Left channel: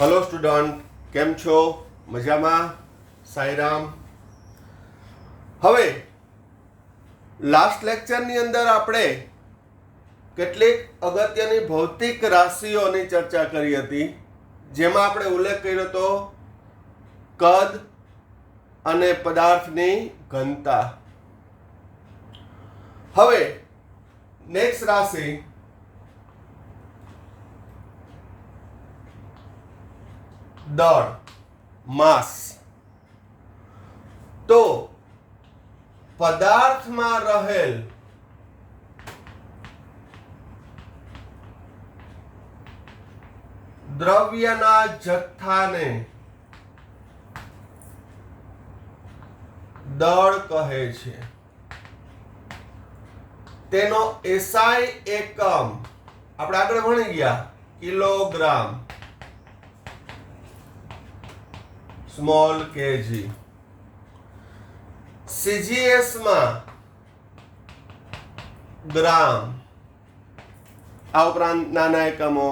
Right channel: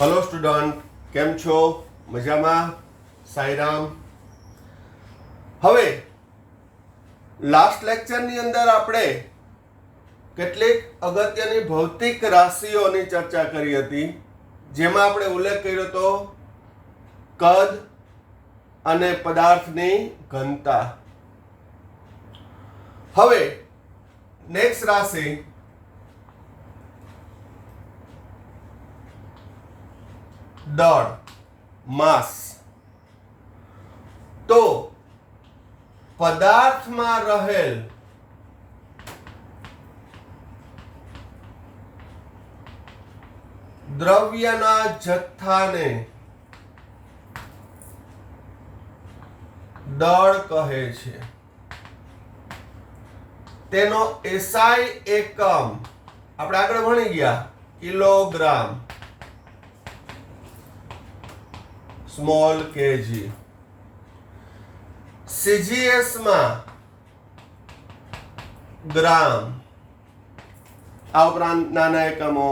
Hello student, કેમ છો? મજામાં? સાઈરામ. હવે લાસ્ટ લેક્ચરની અંદર આપણે કેટલીક અગત્યની ભૌતિક રાશિઓની ચર્ચા કરી હતી, જેમાં આપણે ઉલ્લેખ કર્યો હતો કદ અને પદાર્થની ઘનતા. હવે નેક્સ્ટ રાશિ દળ, માસ. તો પદાર્થમાં રહેલ દ્રવ્યના જથ્થાને દળ કહે છે. તેનો એસઆઈ એકમ આપણે આગળ ભણી ગયા કિલોગ્રામ, સ્મોલ કેજી. સીજીએસ માં ગ્રામ, આ ઉપરાંત નાના એકમો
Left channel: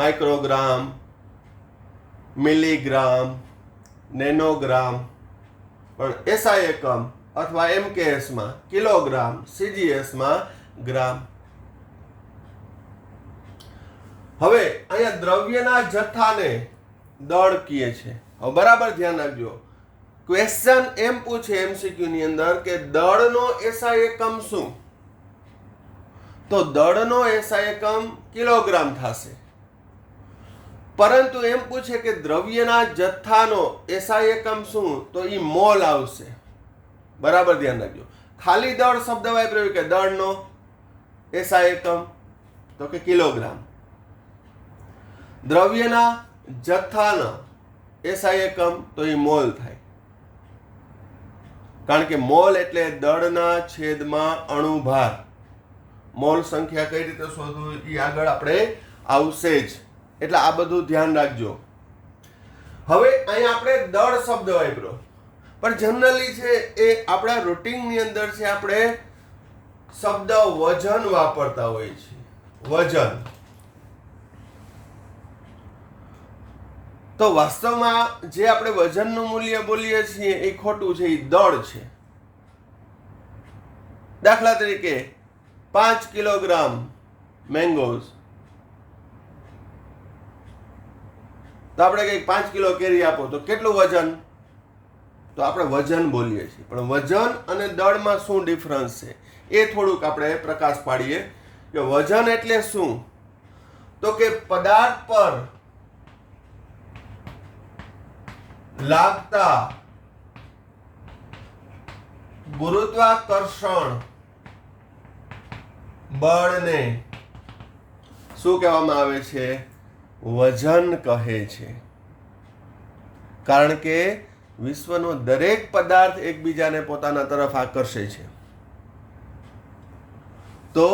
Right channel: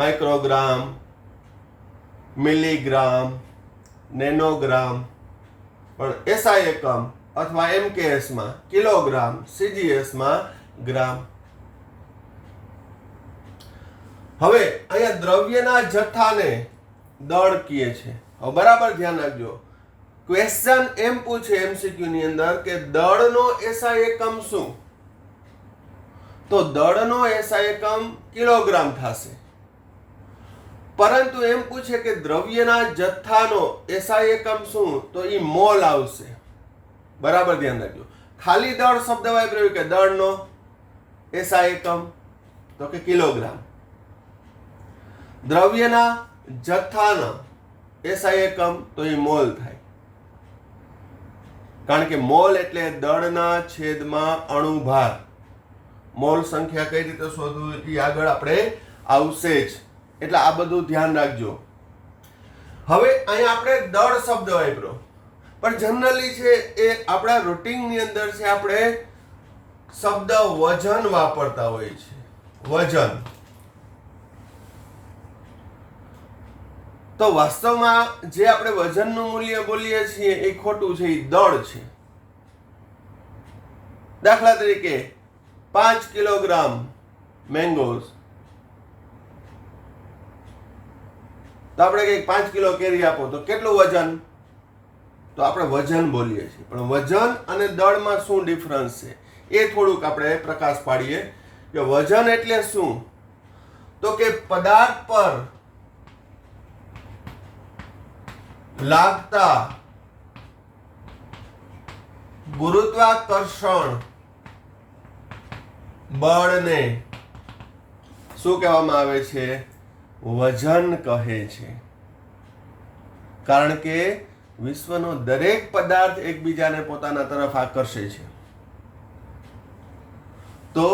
માઇક્રોગ્રામ, મિલીગ્રામ, નેનોગ્રામ, પણ એસઆઈ એકમ અથવા એમકેએસ માં કિલોગ્રામ, સીજીએસ માં ગ્રામ. હવે અહીંયા દ્રવ્યના જથ્થાને દળ કહે છે. હવે બરાબર ધ્યાન રાખજો, ક્વેશ્ચન એમ પૂછે એમસીક્યુ ની અંદર કે દળનો એસઆઈ એકમ શું? તો દળનો એસઆઈ એકમ કિલોગ્રામ થશે. પરંતુ એમ પૂછે કે દ્રવ્યના જથ્થાનો એસઆઈ એકમ શું? તો એ મોલ આવશે. બરાબર ધ્યાન રાખજો. ખાલી દળ શબ્દ વાપર્યો કે દળનો એસઆઈ એકમ તો કે કિલોગ્રામ. દ્રવ્યના જથ્થાનો એસઆઈ એકમ તો એ મોલ થાય, કારણ કે મોલ એટલે દળના છેદમાં અણુભાર. મોલ સંખ્યા કઈ રીતે શોધવું એ આગળ આપણે આવશે જ, એટલે આ બધું ધ્યાન રાખજો. હવે અહીંયા આપણે દળ શબ્દ વાપર્યો, પણ જનરલી છે એ આપણા રૂટિનની અંદર છે આપણે શબ્દ વજન વાપરતા હોઈએ છીએ. વજન તો વાસ્તવમાં જે આપણે વજનનું મૂલ્ય બોલીએ છીએ એ ખોટું છે, એ દળ છે. દાખલા તરીકે 5 કિલોગ્રામ મેંગોઝ, તો આપણે કંઈક 5 કિલો કેરી આપો તો કેટલું વજન? તો આપણે વજન બોલીએ છીએ, પણ વજન અને દળમાં શું ડિફરન્સ છે એ થોડુંક આપણે પ્રકાશ પાડીએ કે વજન એટલે શું? તો કે પદાર્થ પર લાગતા ગુરુત્વાકર્ષણ બળને શું કહેવામાં આવે છે? વજન કહે છે. કારણ કે વિશ્વનો દરેક પદાર્થ એકબીજાને પોતાના તરફ આકર્ષે છે, તો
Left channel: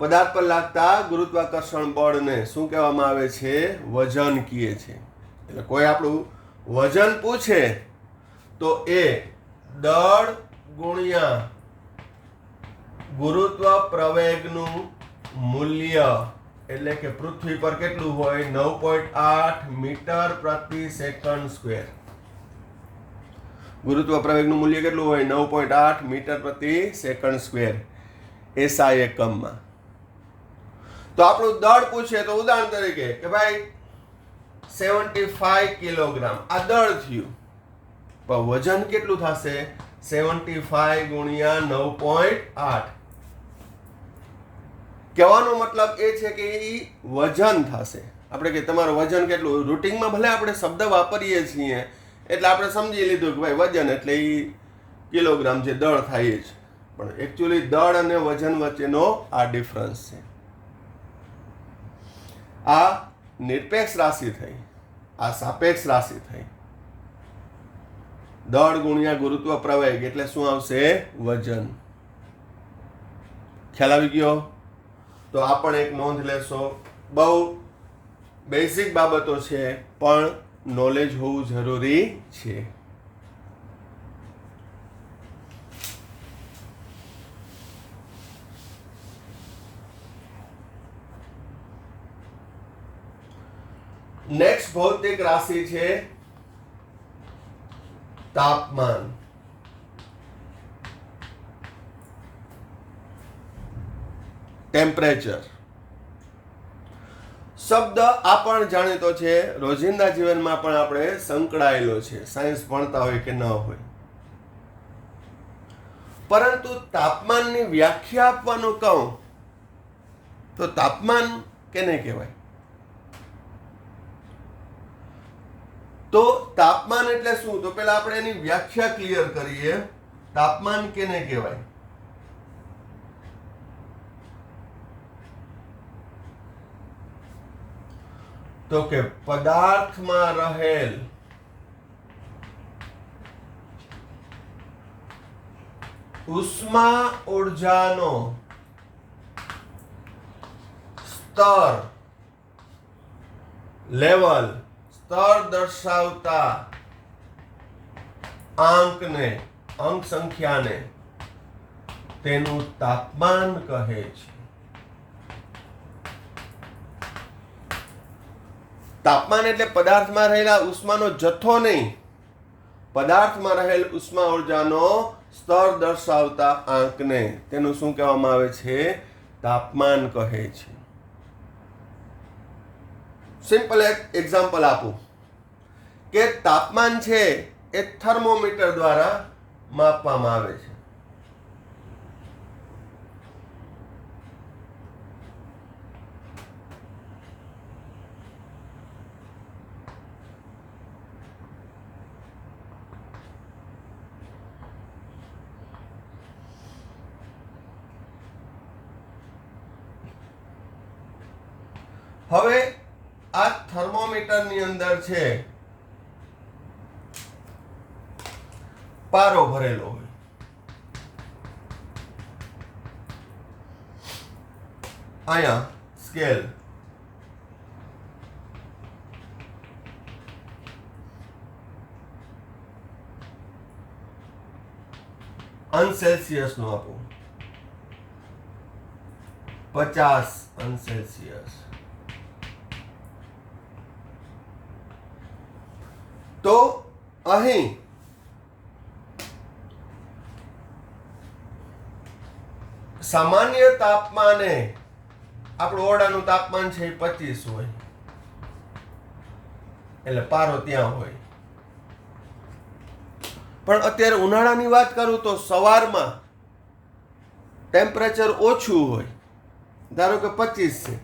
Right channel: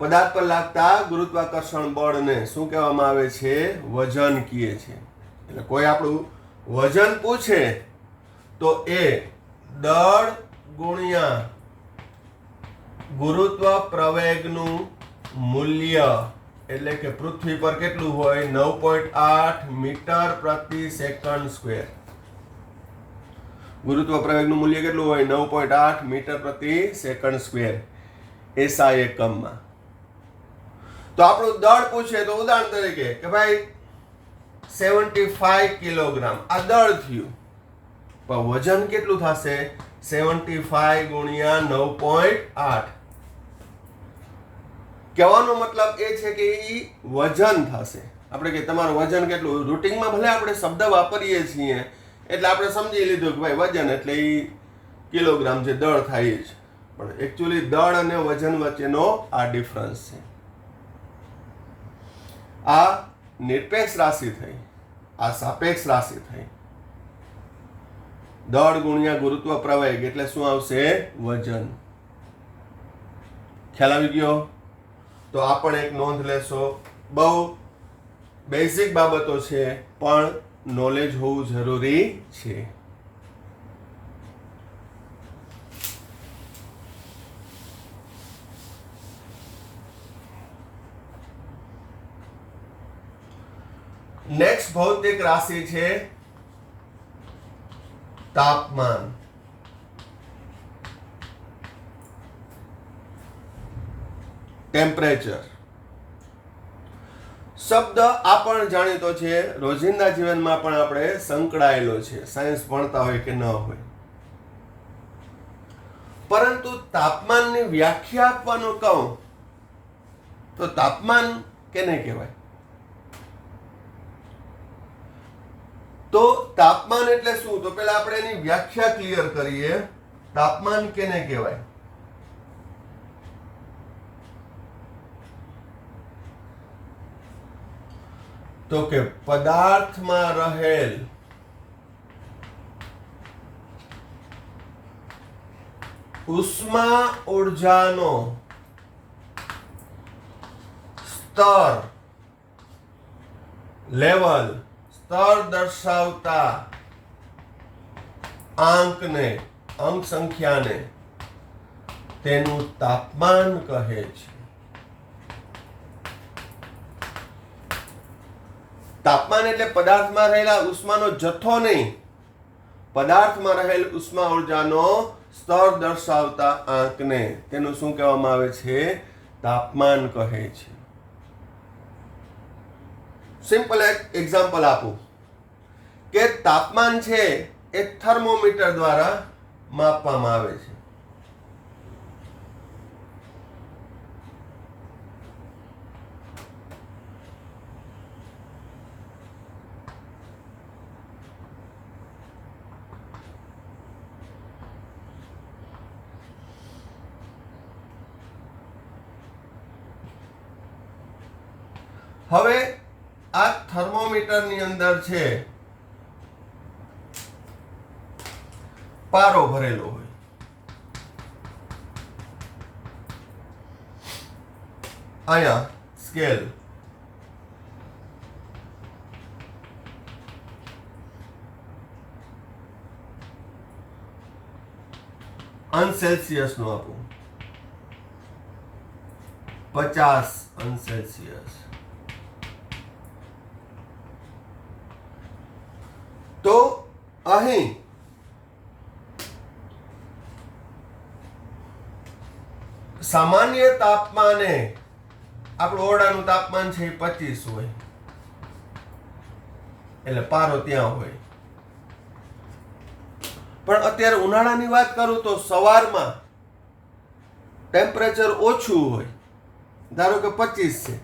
પદાર્થ પર લાગતા ગુરુત્વાકર્ષણ બળને શું કહેવામાં આવે છે? વજન કહે છે. એટલે કોઈ આપણું વજન પૂછે તો એ દળ ગુણ્યા ગુરુત્વ પ્રવેગનું મૂલ્ય, એટલે કે પૃથ્વી પર કેટલું હોય? 9.8 મીટર પ્રતિ સેકન્ડ સ્ક્વેર. ગુરુત્વ પ્રવેગનું મૂલ્ય કેટલું હોય? 9.8 મીટર પ્રતિ સેકન્ડ સ્ક્વેર એસઆઈ એકમમાં. તો આપણું દળ પૂછે તો ઉદાહરણ તરીકે કે ભાઈ 75 કિલોગ્રામ આ દળ થયું, પણ વજન કેટલું થશે? 75 ગુણ્યા 9.8. કહેવાનો મતલબ એ છે કે એ વજન થશે. આપણે કે તમારું વજન કેટલું? રૂટિનમાં ભલે આપણે શબ્દ વાપરીએ છીએ એટલે આપણે સમજી લીધું કે ભાઈ વજન એટલે એ કિલોગ્રામ જે દળ થાય છે, પણ એકચ્યુઅલી દળ અને વજન વચ્ચેનો આ ડિફરન્સ છે. આ નિરપેક્ષ રાશિ થઈ, આ સાપેક્ષ રાશિ થઈ. દળ ગુણ્યા ગુરુત્વ પ્રવેગ એટલે શું આવશે? વજન. ખ્યાલ આવી ગયો? તો આ પણ એક નોંધ લેશો. બહુ બેઝિક બાબતો છે, પણ નોલેજ હોવું જરૂરી છે. નેક્સ્ટ ભૌતિક રાશિ છે તાપમાન. ટેમ્પરેચર શબ્દ આ પણ જાણીતો છે, રોજિંદા જીવનમાં પણ આપણે સંકળાયેલો છે, સાયન્સ ભણતા હોય કે ન હોય. પરંતુ તાપમાનની વ્યાખ્યા આપવાનું કહું તો તાપમાન કેને કહેવાય? તો તાપમાન એટલે શું? તો પહેલા આપણે એની વ્યાખ્યા ક્લિયર કરીએ. તાપમાન કેને કહેવાય? તો કે પદાર્થમાં રહેલ ઉષ્મા ઊર્જાનો સ્તર, લેવલ, સ્તર દર્શાવતા આંકને, અંક સંખ્યાને તેનું તાપમાન કહે છે. તાપમાન એટલે પદાર્થમાં રહેલા ઉષ્માનો જથ્થો નહીં, પદાર્થમાં રહેલ ઉષ્મા ઊર્જાનો સ્તર દર્શાવતા આંકને તેનું શું કહેવામાં આવે છે? તાપમાન કહે છે. સિમ્પલ એક એક્ઝામ્પલ આપું કે તાપમાન છે એ થર્મોમીટર દ્વારા માપવામાં આવે છે. હવે આ થર્મોમીટરની અંદર છે પારો ભરેલો હોય. અહીંયા સ્કેલ, અનસેલ્સિયસ નું આપું, 50 અનસેલ્સિયસ. તો અહીં સામાન્ય તાપમાને આપણું ઓરડાનું તાપમાન છે 25 હોય, એટલે પારો ત્યાં હોય. પણ અત્યારે ઉનાળાની વાત કરું તો સવારમાં ટેમ્પરેચર ઓછું હોય, ધારો કે 25 છે,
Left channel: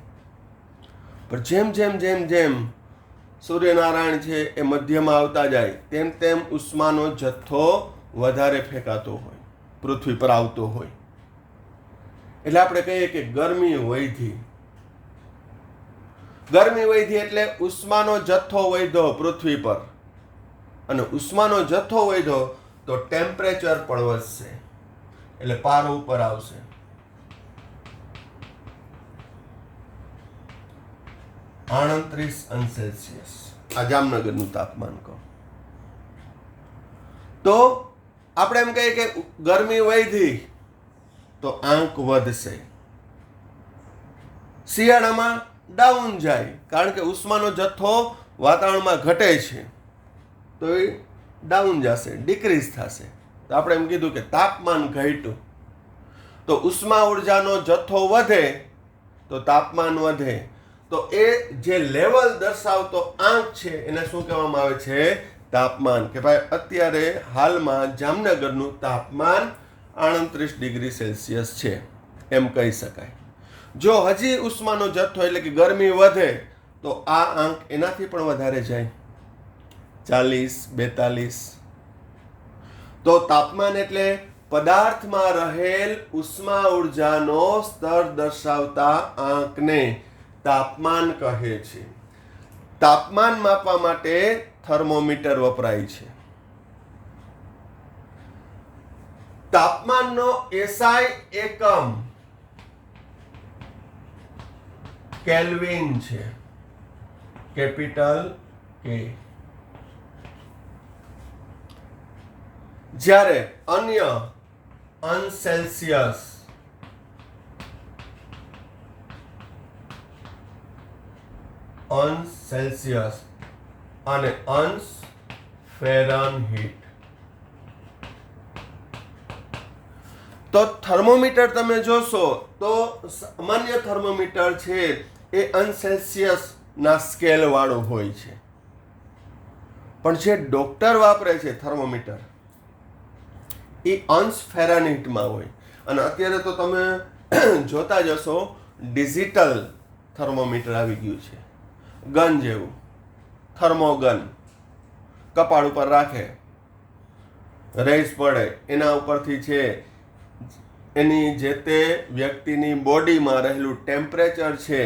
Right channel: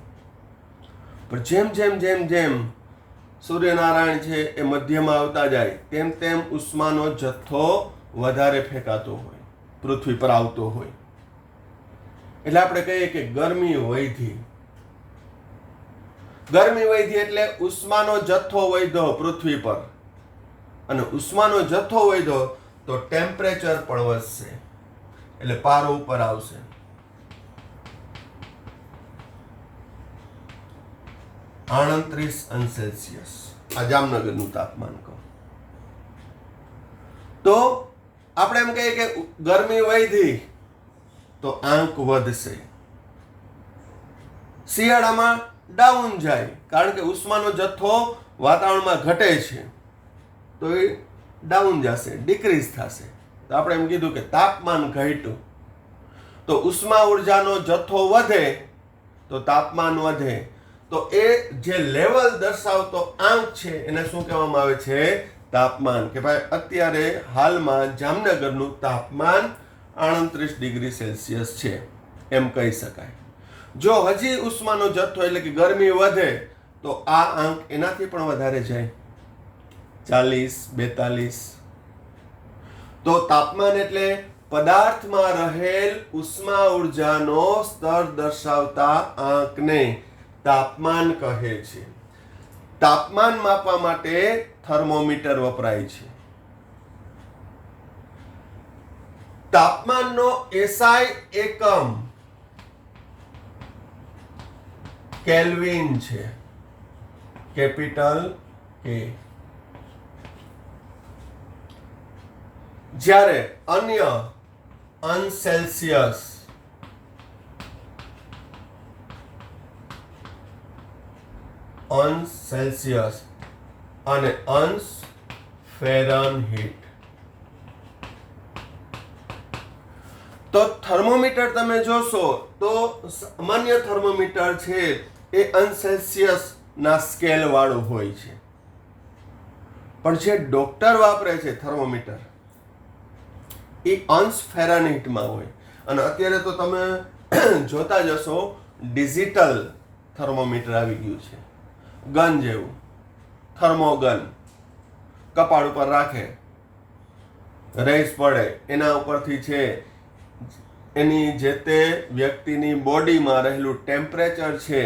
પણ જેમ જેમ જેમ જેમ સૂર્યનારાયણ છે એ મધ્યમાં આવતા જાય તેમ તેમ ઉષ્માનો જથ્થો વધારે ફેંકાતો હોય, પૃથ્વી પર આવતો હોય. એટલે આપણે કહીએ કે ગરમી વધી. ગરમી વધી એટલે ઉષ્માનો જથ્થો વધ્યો પૃથ્વી પર, અને ઉષ્માનો જથ્થો વધ્યો તો ટેમ્પરેચર પણ વધશે, એટલે પારો ઉપર આવશે. $38 અંશ આ જામનગરનું તાપમાન કહો તો આપણે એમ કહીએ કે ગરમી વધી તો આંક વધશે. શિયાળામાં ડાઉન જાય કારણ કે ઉષ્માનો જથ્થો વાતાવરણમાં ઘટે છે તો એ ડાઉન જશે, ડિક્રીઝ થશે. તો આપણે એમ કીધું કે તાપમાન ઘટ્યું તો ઉષ્મા ઊર્જાનો જથ્થો વધે તો તાપમાન વધે. તો એ જે લેવલ દર્શાવતો આંક છે એને શું કહેવામાં આવે છે? તાપમાન. કે ભાઈ અત્યારે હાલમાં જામનગરનું તાપમાન 38 ડિગ્રી સેલ્સિયસ છે એમ કહી શકાય. જો હજી ઉષ્માનો જથ્થો એટલે કે ગરમી વધે તો આ આંક એનાથી પણ વધારે જાય, 40, 42. તો તાપમાન એટલે પદાર્થમાં રહેલ ઉષ્મા ઊર્જાનો સ્તર દર્શાવતા આંકને તાપમાન કહે છે. તાપમાન માપવા માટે થર્મોમીટર વપરાય છે. તાપમાનનો એસઆઈ એકમ કેલ્વિન છે, કેપિટલ કે. જ્યારે અન્ય અનસેલ્સિયસ, અંશ સેલ્સિયસ અને અંશ ફેરનહીટ. તો થર્મોમીટર તમે જોશો તો સામાન્ય થર્મોમીટર છે એ અંશ સેલ્સિયસ ના સ્કેલ વાળું હોય છે, પણ જે ડોક્ટર વાપરે છે થર્મોમીટર એ અંશ ફેરનહીટમાં હોય. અને અત્યારે તો તમે જોતા જશો ડિજિટલ થર્મોમીટર આવી ગયું છે, ગન જેવું, થર્મોગન, કપાળ ઉપર રાખે, રેસ પડે, એના ઉપરથી છે એની જે તે વ્યક્તિની બોડીમાં રહેલું ટેમ્પરેચર છે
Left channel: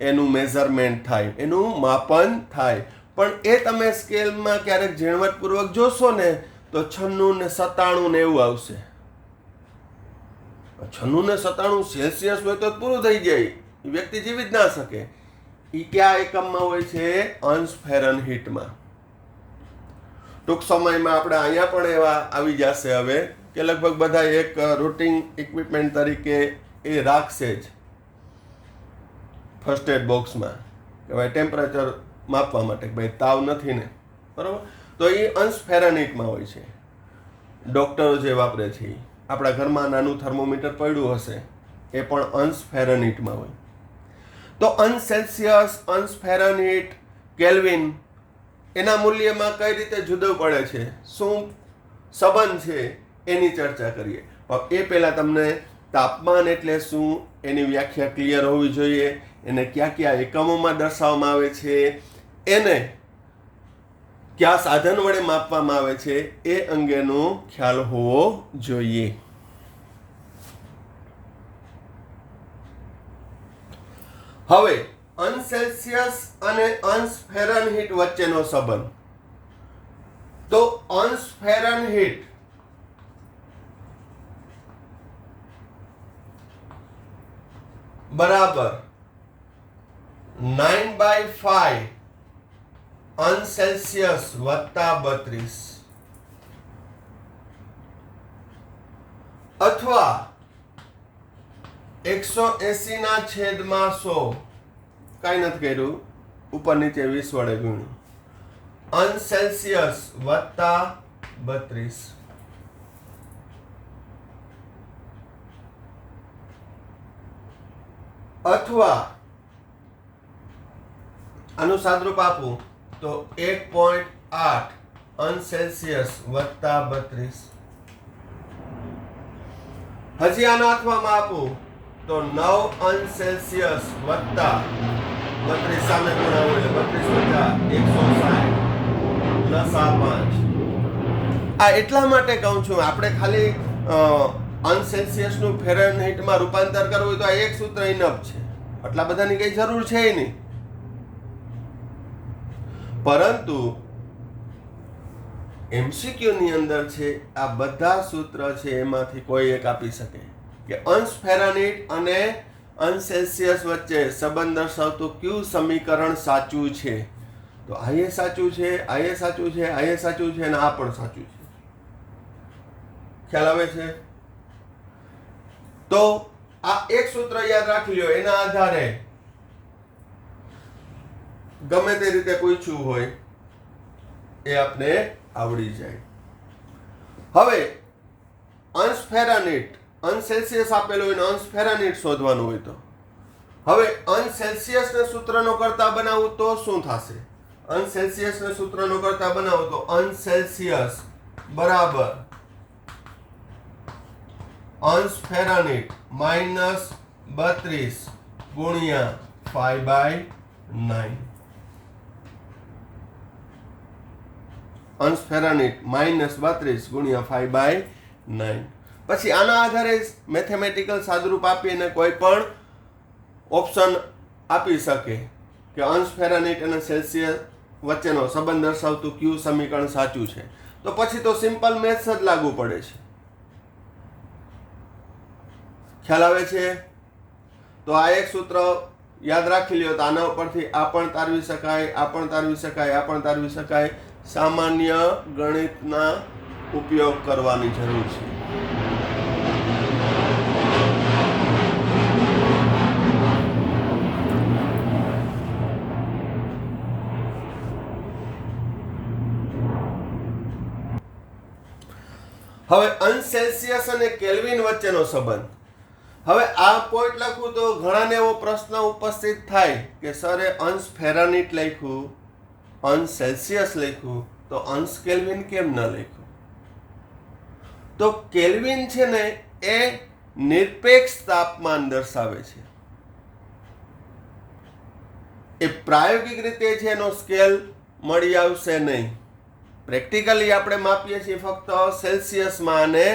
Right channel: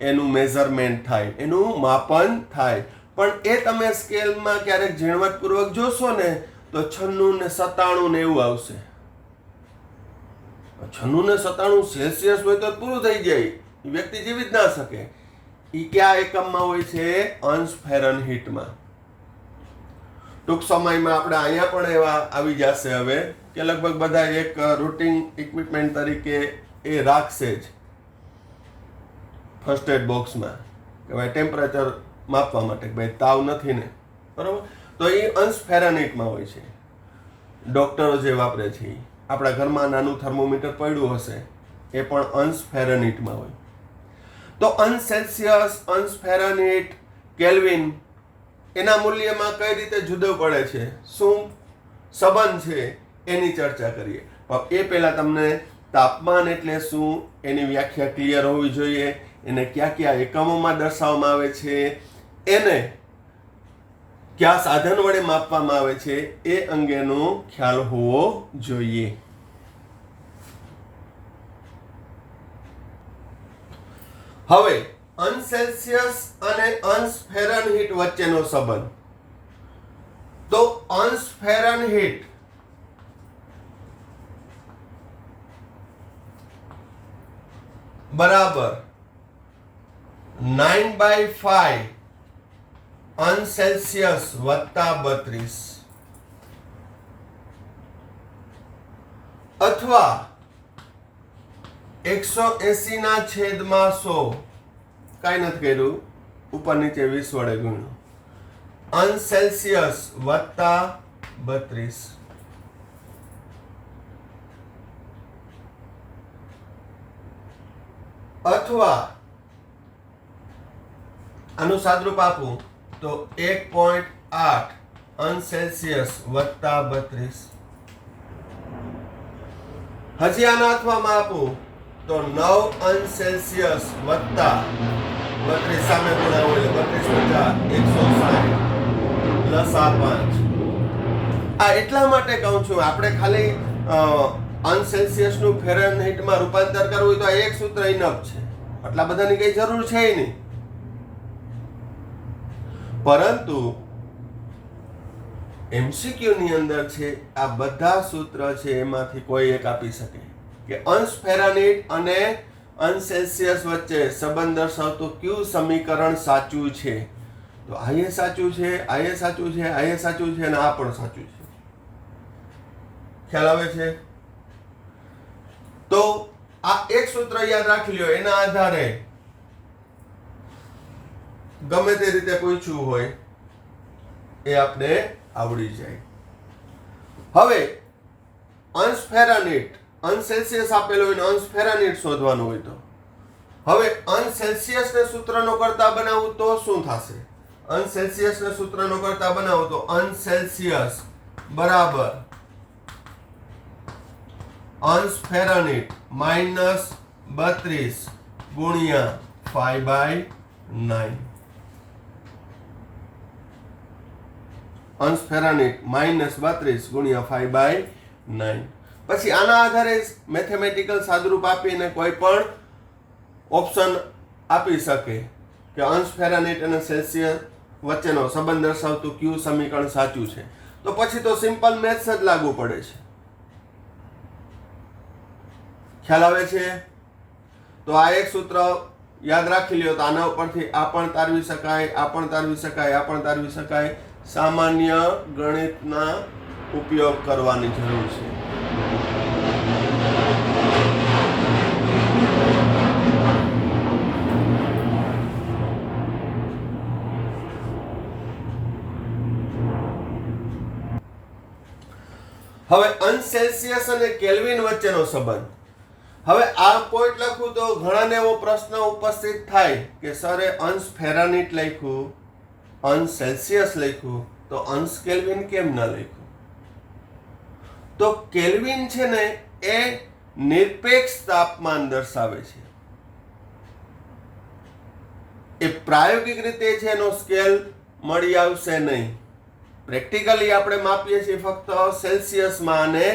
એનું મેઝરમેન્ટ થાય, એનું માપન થાય. પણ એ તમે સ્કેલમાં ક્યારેક ઝીણવટપૂર્વક જોશો ને તો 96 ને 97 ને એવું આવશે. 96 ને 97 સેલ્સિયસ હોય તો પૂરું થઈ જાય, એ વ્યક્તિ જીવી જ ના શકે. એ કયા એકમમાં હોય છે? અંશ ફેરનહીટમાં. ટૂંક સમયમાં આપણે અહીંયા પણ એવા આવી જશે હવે કે લગભગ બધા એક રૂટિન ઇક્વિપમેન્ટ તરીકે એ રાખશે જ ફર્સ્ટ એડ બોક્સમાં કે ભાઈ ટેમ્પરેચર માપવા માટે, કે ભાઈ તાવ નથી ને, બરાબર. તો એ અંશ ફેરનહીટમાં હોય છે. ડોક્ટરો જે વાપરે છે, આપણા ઘરમાં નાનું થર્મોમીટર પડ્યું હશે એ પણ અંશ ફેરનહીટમાં હોય. તો અંશ સેલ્સિયસ, અંશ ફેરનહીટ, કેલ્વિન એના મૂલ્યમાં કઈ રીતે જુદું પડે છે, શું સંબંધ છે એની ચર્ચા કરીએ. એ પહેલાં તમને તાપમાન એટલે શું એની વ્યાખ્યા ક્લિયર હોવી જોઈએ, એને કયા કયા એકમોમાં દર્શાવવામાં આવે છે, એને કયા સાધન વડે માપવામાં આવે છે એ અંગેનો ખ્યાલ હોવો જોઈએ. હવે અંશ સેલ્સિયસ અને અંશ ફેરનહીટ વચ્ચેનો સંબંધ. તો અંશ ફેરનહીટ બરાબર 9/5 અંશ સેલ્સિયસ વત્તા 32 અથવા 180 ના છેદમાં 100, કાંઈ નથી કર્યું, ઉપર નીચે 20 વડે ગુણ્યું, અંશ સેલ્સિયસ વત્તા 32. અથવા આનું સાદરૂપ આપું તો 1.8 અંશ સેલ્સિયસ વત્તા 32. હજી આના હાથમાં આપું તો 9 અંશ સેલ્સિયસ વત્તા 32 સામે ગુણાવો એટલે 32 × 160 લસા 5. આ એટલા માટે કહું છું, આપણે ખાલી અંશ સેલ્સિયસ નું ફેરનહીટમાં રૂપાંતર કરવું તો આ એક સૂત્ર ઇનફ છે, આટલા બધાની કઈ જરૂર છે નહીં. પરંતુ એમસીક્યુ ની અંદર છે આ બધા સૂત્ર છે એમાંથી કોઈ એક આપી શકે કે અંશ ફેરનહીટ અને અંશ સેલ્સિયસ વચ્ચે સંબંધ દર્શાવતું કયું સમીકરણ સાચું છે. તો આ એ સાચું છે, આ એ સાચું છે, આ એ સાચું છે અને આ પણ સાચું છે. ખ્યાલ આવે છે? તો આ એક સૂત્ર યાદ રાખી લ્યો, એના આધારે ગમે તે રીતે પૂછ્યું હોય એ આપણે આવડી જાય. હવે અંશ ફેરનહીટ, અંશ સેલ્સિયસ આપેલો હોય ને અંશ ફેરનહીટ શોધવાનું હોય તો હવે અંશ સેલ્સિયસ ને સૂત્રનો કરતા બનાવું તો શું થશે? અંશ સેલ્સિયસ ને સૂત્રનો કરતા બનાવું તો અંશ સેલ્સિયસ બરાબર અંશ ફેરનહીટ -32 ગુણ્યા 5/9. અંશ ફેરનહીટ -32 ગુણ્યા 5/9. પછી આના આધારે મેથેમેટિકલ સાદરૂપ આપીને કોઈ પણ ઓપ્શન આપી શકે કે અંશ ફેરનહીટ અને સેલ્સિયસ વચ્ચેનો સંબંધ દર્શાવતું કયું સમીકરણ સાચું છે. તો પછી તો સિમ્પલ મેથ્સ જ લાગુ પડે છે. ખ્યાલ આવે છે? તો આ એક સૂત્ર યાદ રાખી લ્યો તો આના ઉપરથી આ પણ તારવી શકાય, આ પણ તારવી શકાય, આ પણ તારવી શકાય. સામાન્ય ગણિતના ઉપયોગ કરવાની જરૂર છે. હવે અંશ સેલ્સિયસ અને કેલ્વિન વચ્ચેનો સંબંધ. હવે આ પોઈન્ટ લખું તો ઘણાને એવો પ્રશ્ન ઉપસ્થિત થાય કે સરે અંશ ફેરાનીટ લખ્યું, અંશ સેલ્સિયસ લખ્યું, તો અંશ કેલ્વિન કેમ ન લખ્યું? તો કેલ્વિન છે ને એ નિરપેક્ષ તાપમાન દર્શાવે છે. એ પ્રાયોગિક રીતે છે એનો સ્કેલ મળી આવશે નહીં. પ્રેક્ટિકલી આપણે માપીએ છીએ ફક્ત સેલ્સિયસમાં અને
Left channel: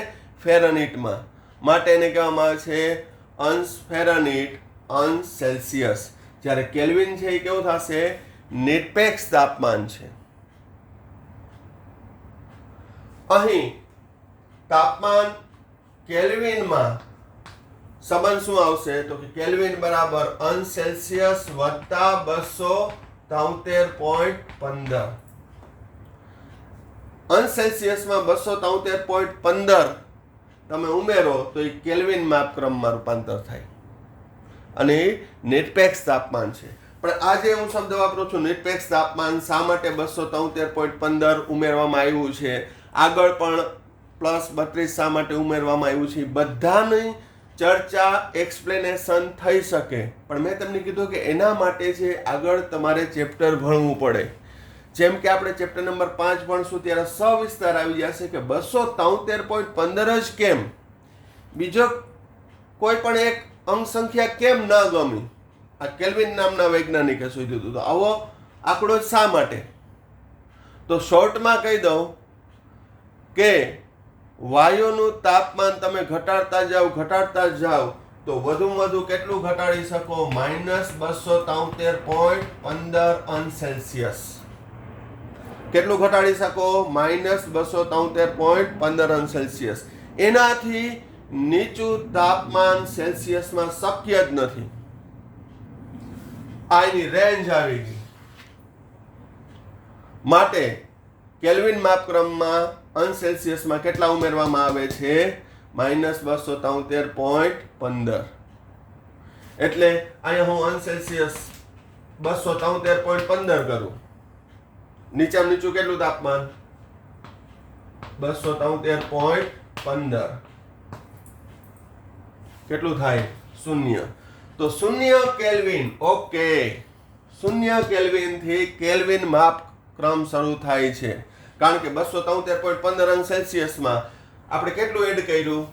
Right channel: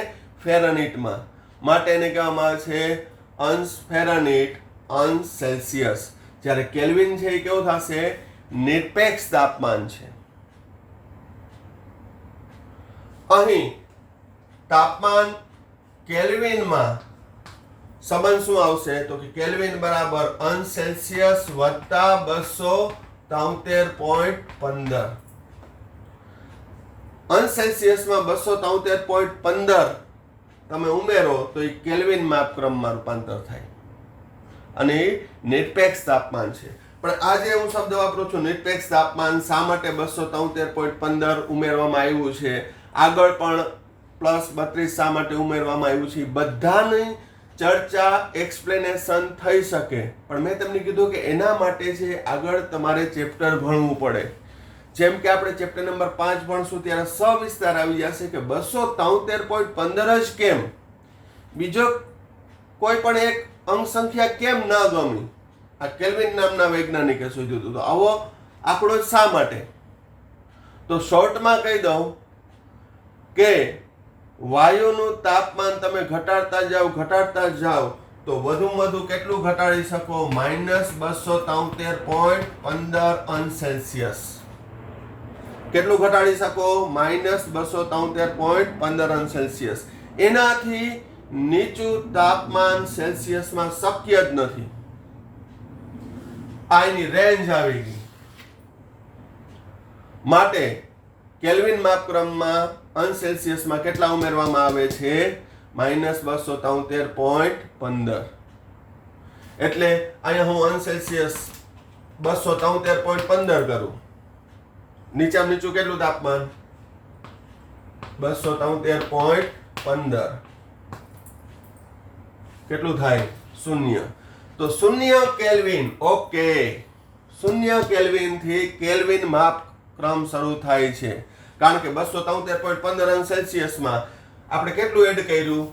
ફેરનહીટમાં. માટે એને કહેવામાં આવે છે અંશ ફેરનહીટ, અંશ સેલ્સિયસ. જ્યારે કેલ્વિન છે એ કેવું થશે? નિરપેક્ષ તાપમાન છે. અહીં તાપમાન કેલ્વિનમાં સંબંધ શું આવશે? તો કે કેલ્વિન બરાબર અંશ સેલ્સિયસ વત્તા 273.15. અંશ સેલ્સિયસમાં 273.15 તમે ઉમેરો તો એ કેલ્વિન માપક્રમમાં રૂપાંતર થાય અને એ નિરપેક્ષ તાપમાન છે. પણ આજે હું શબ્દ વાપરું છું નિરપેક્ષ તાપમાન. શા માટે 273.15 ઉમેરવામાં આવ્યું છે? આગળ પણ +32 શા માટે ઉમેરવામાં આવ્યું છે? બધાની ચર્ચા એક્સપ્લેનેશન થઈ શકે, પણ મેં તમને કીધું કે એના માટે છે આગળ તમારે ચેપ્ટર ભણવું પડે. જેમ કે આપણે ચેપ્ટર નંબર 5 ભણશું ત્યારે સવિસ્તાર આવી જશે કે 273.15 જ કેમ, બીજો કોઈ પણ એક અંક સંખ્યા કેમ ન ગમી, આ કેલ્વિન નામના વૈજ્ઞાનિકે શોધ્યું હતું. તો આવો આંકડો શા માટે? તો શોર્ટમાં કહી દઉં કે વાયુનું તાપમાન તમે ઘટાડતા જાઓ તો વધુમાં વધુ કેટલું ઘટાડી શકો? -273.15 અંશ સેલ્સિયસ. કેટલું ઘટાડી શકો? -273.15 અંશ સેલ્સિયસ. એનાથી નીચું તાપમાન સેલ્સિયસમાં શક્ય જ નથી. આ એની રેન્જ આવી ગઈ. માટે કેલ્વિન માપક્રમમાં અંશ સેલ્સિયસમાં કેટલા ઉમેરવામાં આવે છે? -273.15. એટલે અહીંયા હું અંશ સેલ્સિયસ 273.15 કરું. નીચામાં નીચું કેટલું તાપમાન? 273.15. કેટલું થાય? 0. તો 0 કેલ્વિન. ઓકે, 0 કેલ્વિન થી કેલ્વિન માપક્રમ શરૂ થાય છે. કારણ કે 273.15 અંશ સેલ્સિયસમાં આપણે કેટલું એડ કર્યું?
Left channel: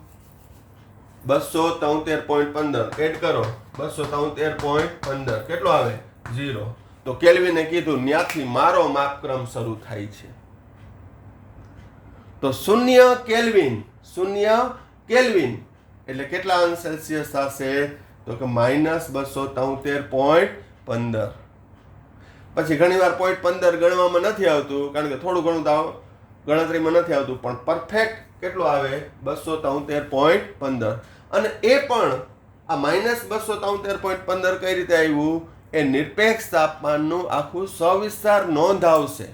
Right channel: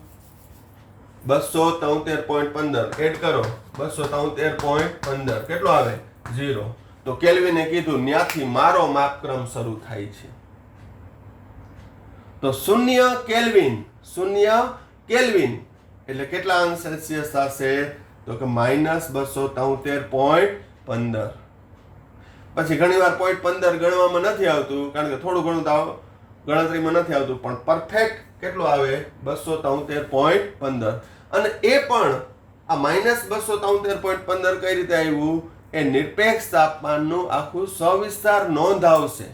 273.15 એડ કરો. 273.15 કેટલું આવે? 0. તો કેલ્વિને કીધું ત્યાંથી મારો માપક્રમ શરૂ થાય છે. તો 0 કેલ્વિન, 0 કેલ્વિન એટલે કેટલા અંશ સેલ્સિયસ થશે? તો કે -273.15. પછી ઘણીવાર 0.15 ગણવામાં નથી આવતું, કારણ કે થોડું ઘણું ગણતરીમાં નથી આવતું, પણ પરફેક્ટ કેટલું આવે? 273.15. અને એ પણ આ -273.15 કઈ રીતે આવ્યું? એ નિરપેક્ષ તાપમાનનું આખું સવિસ્તાર નોંધ આવશે.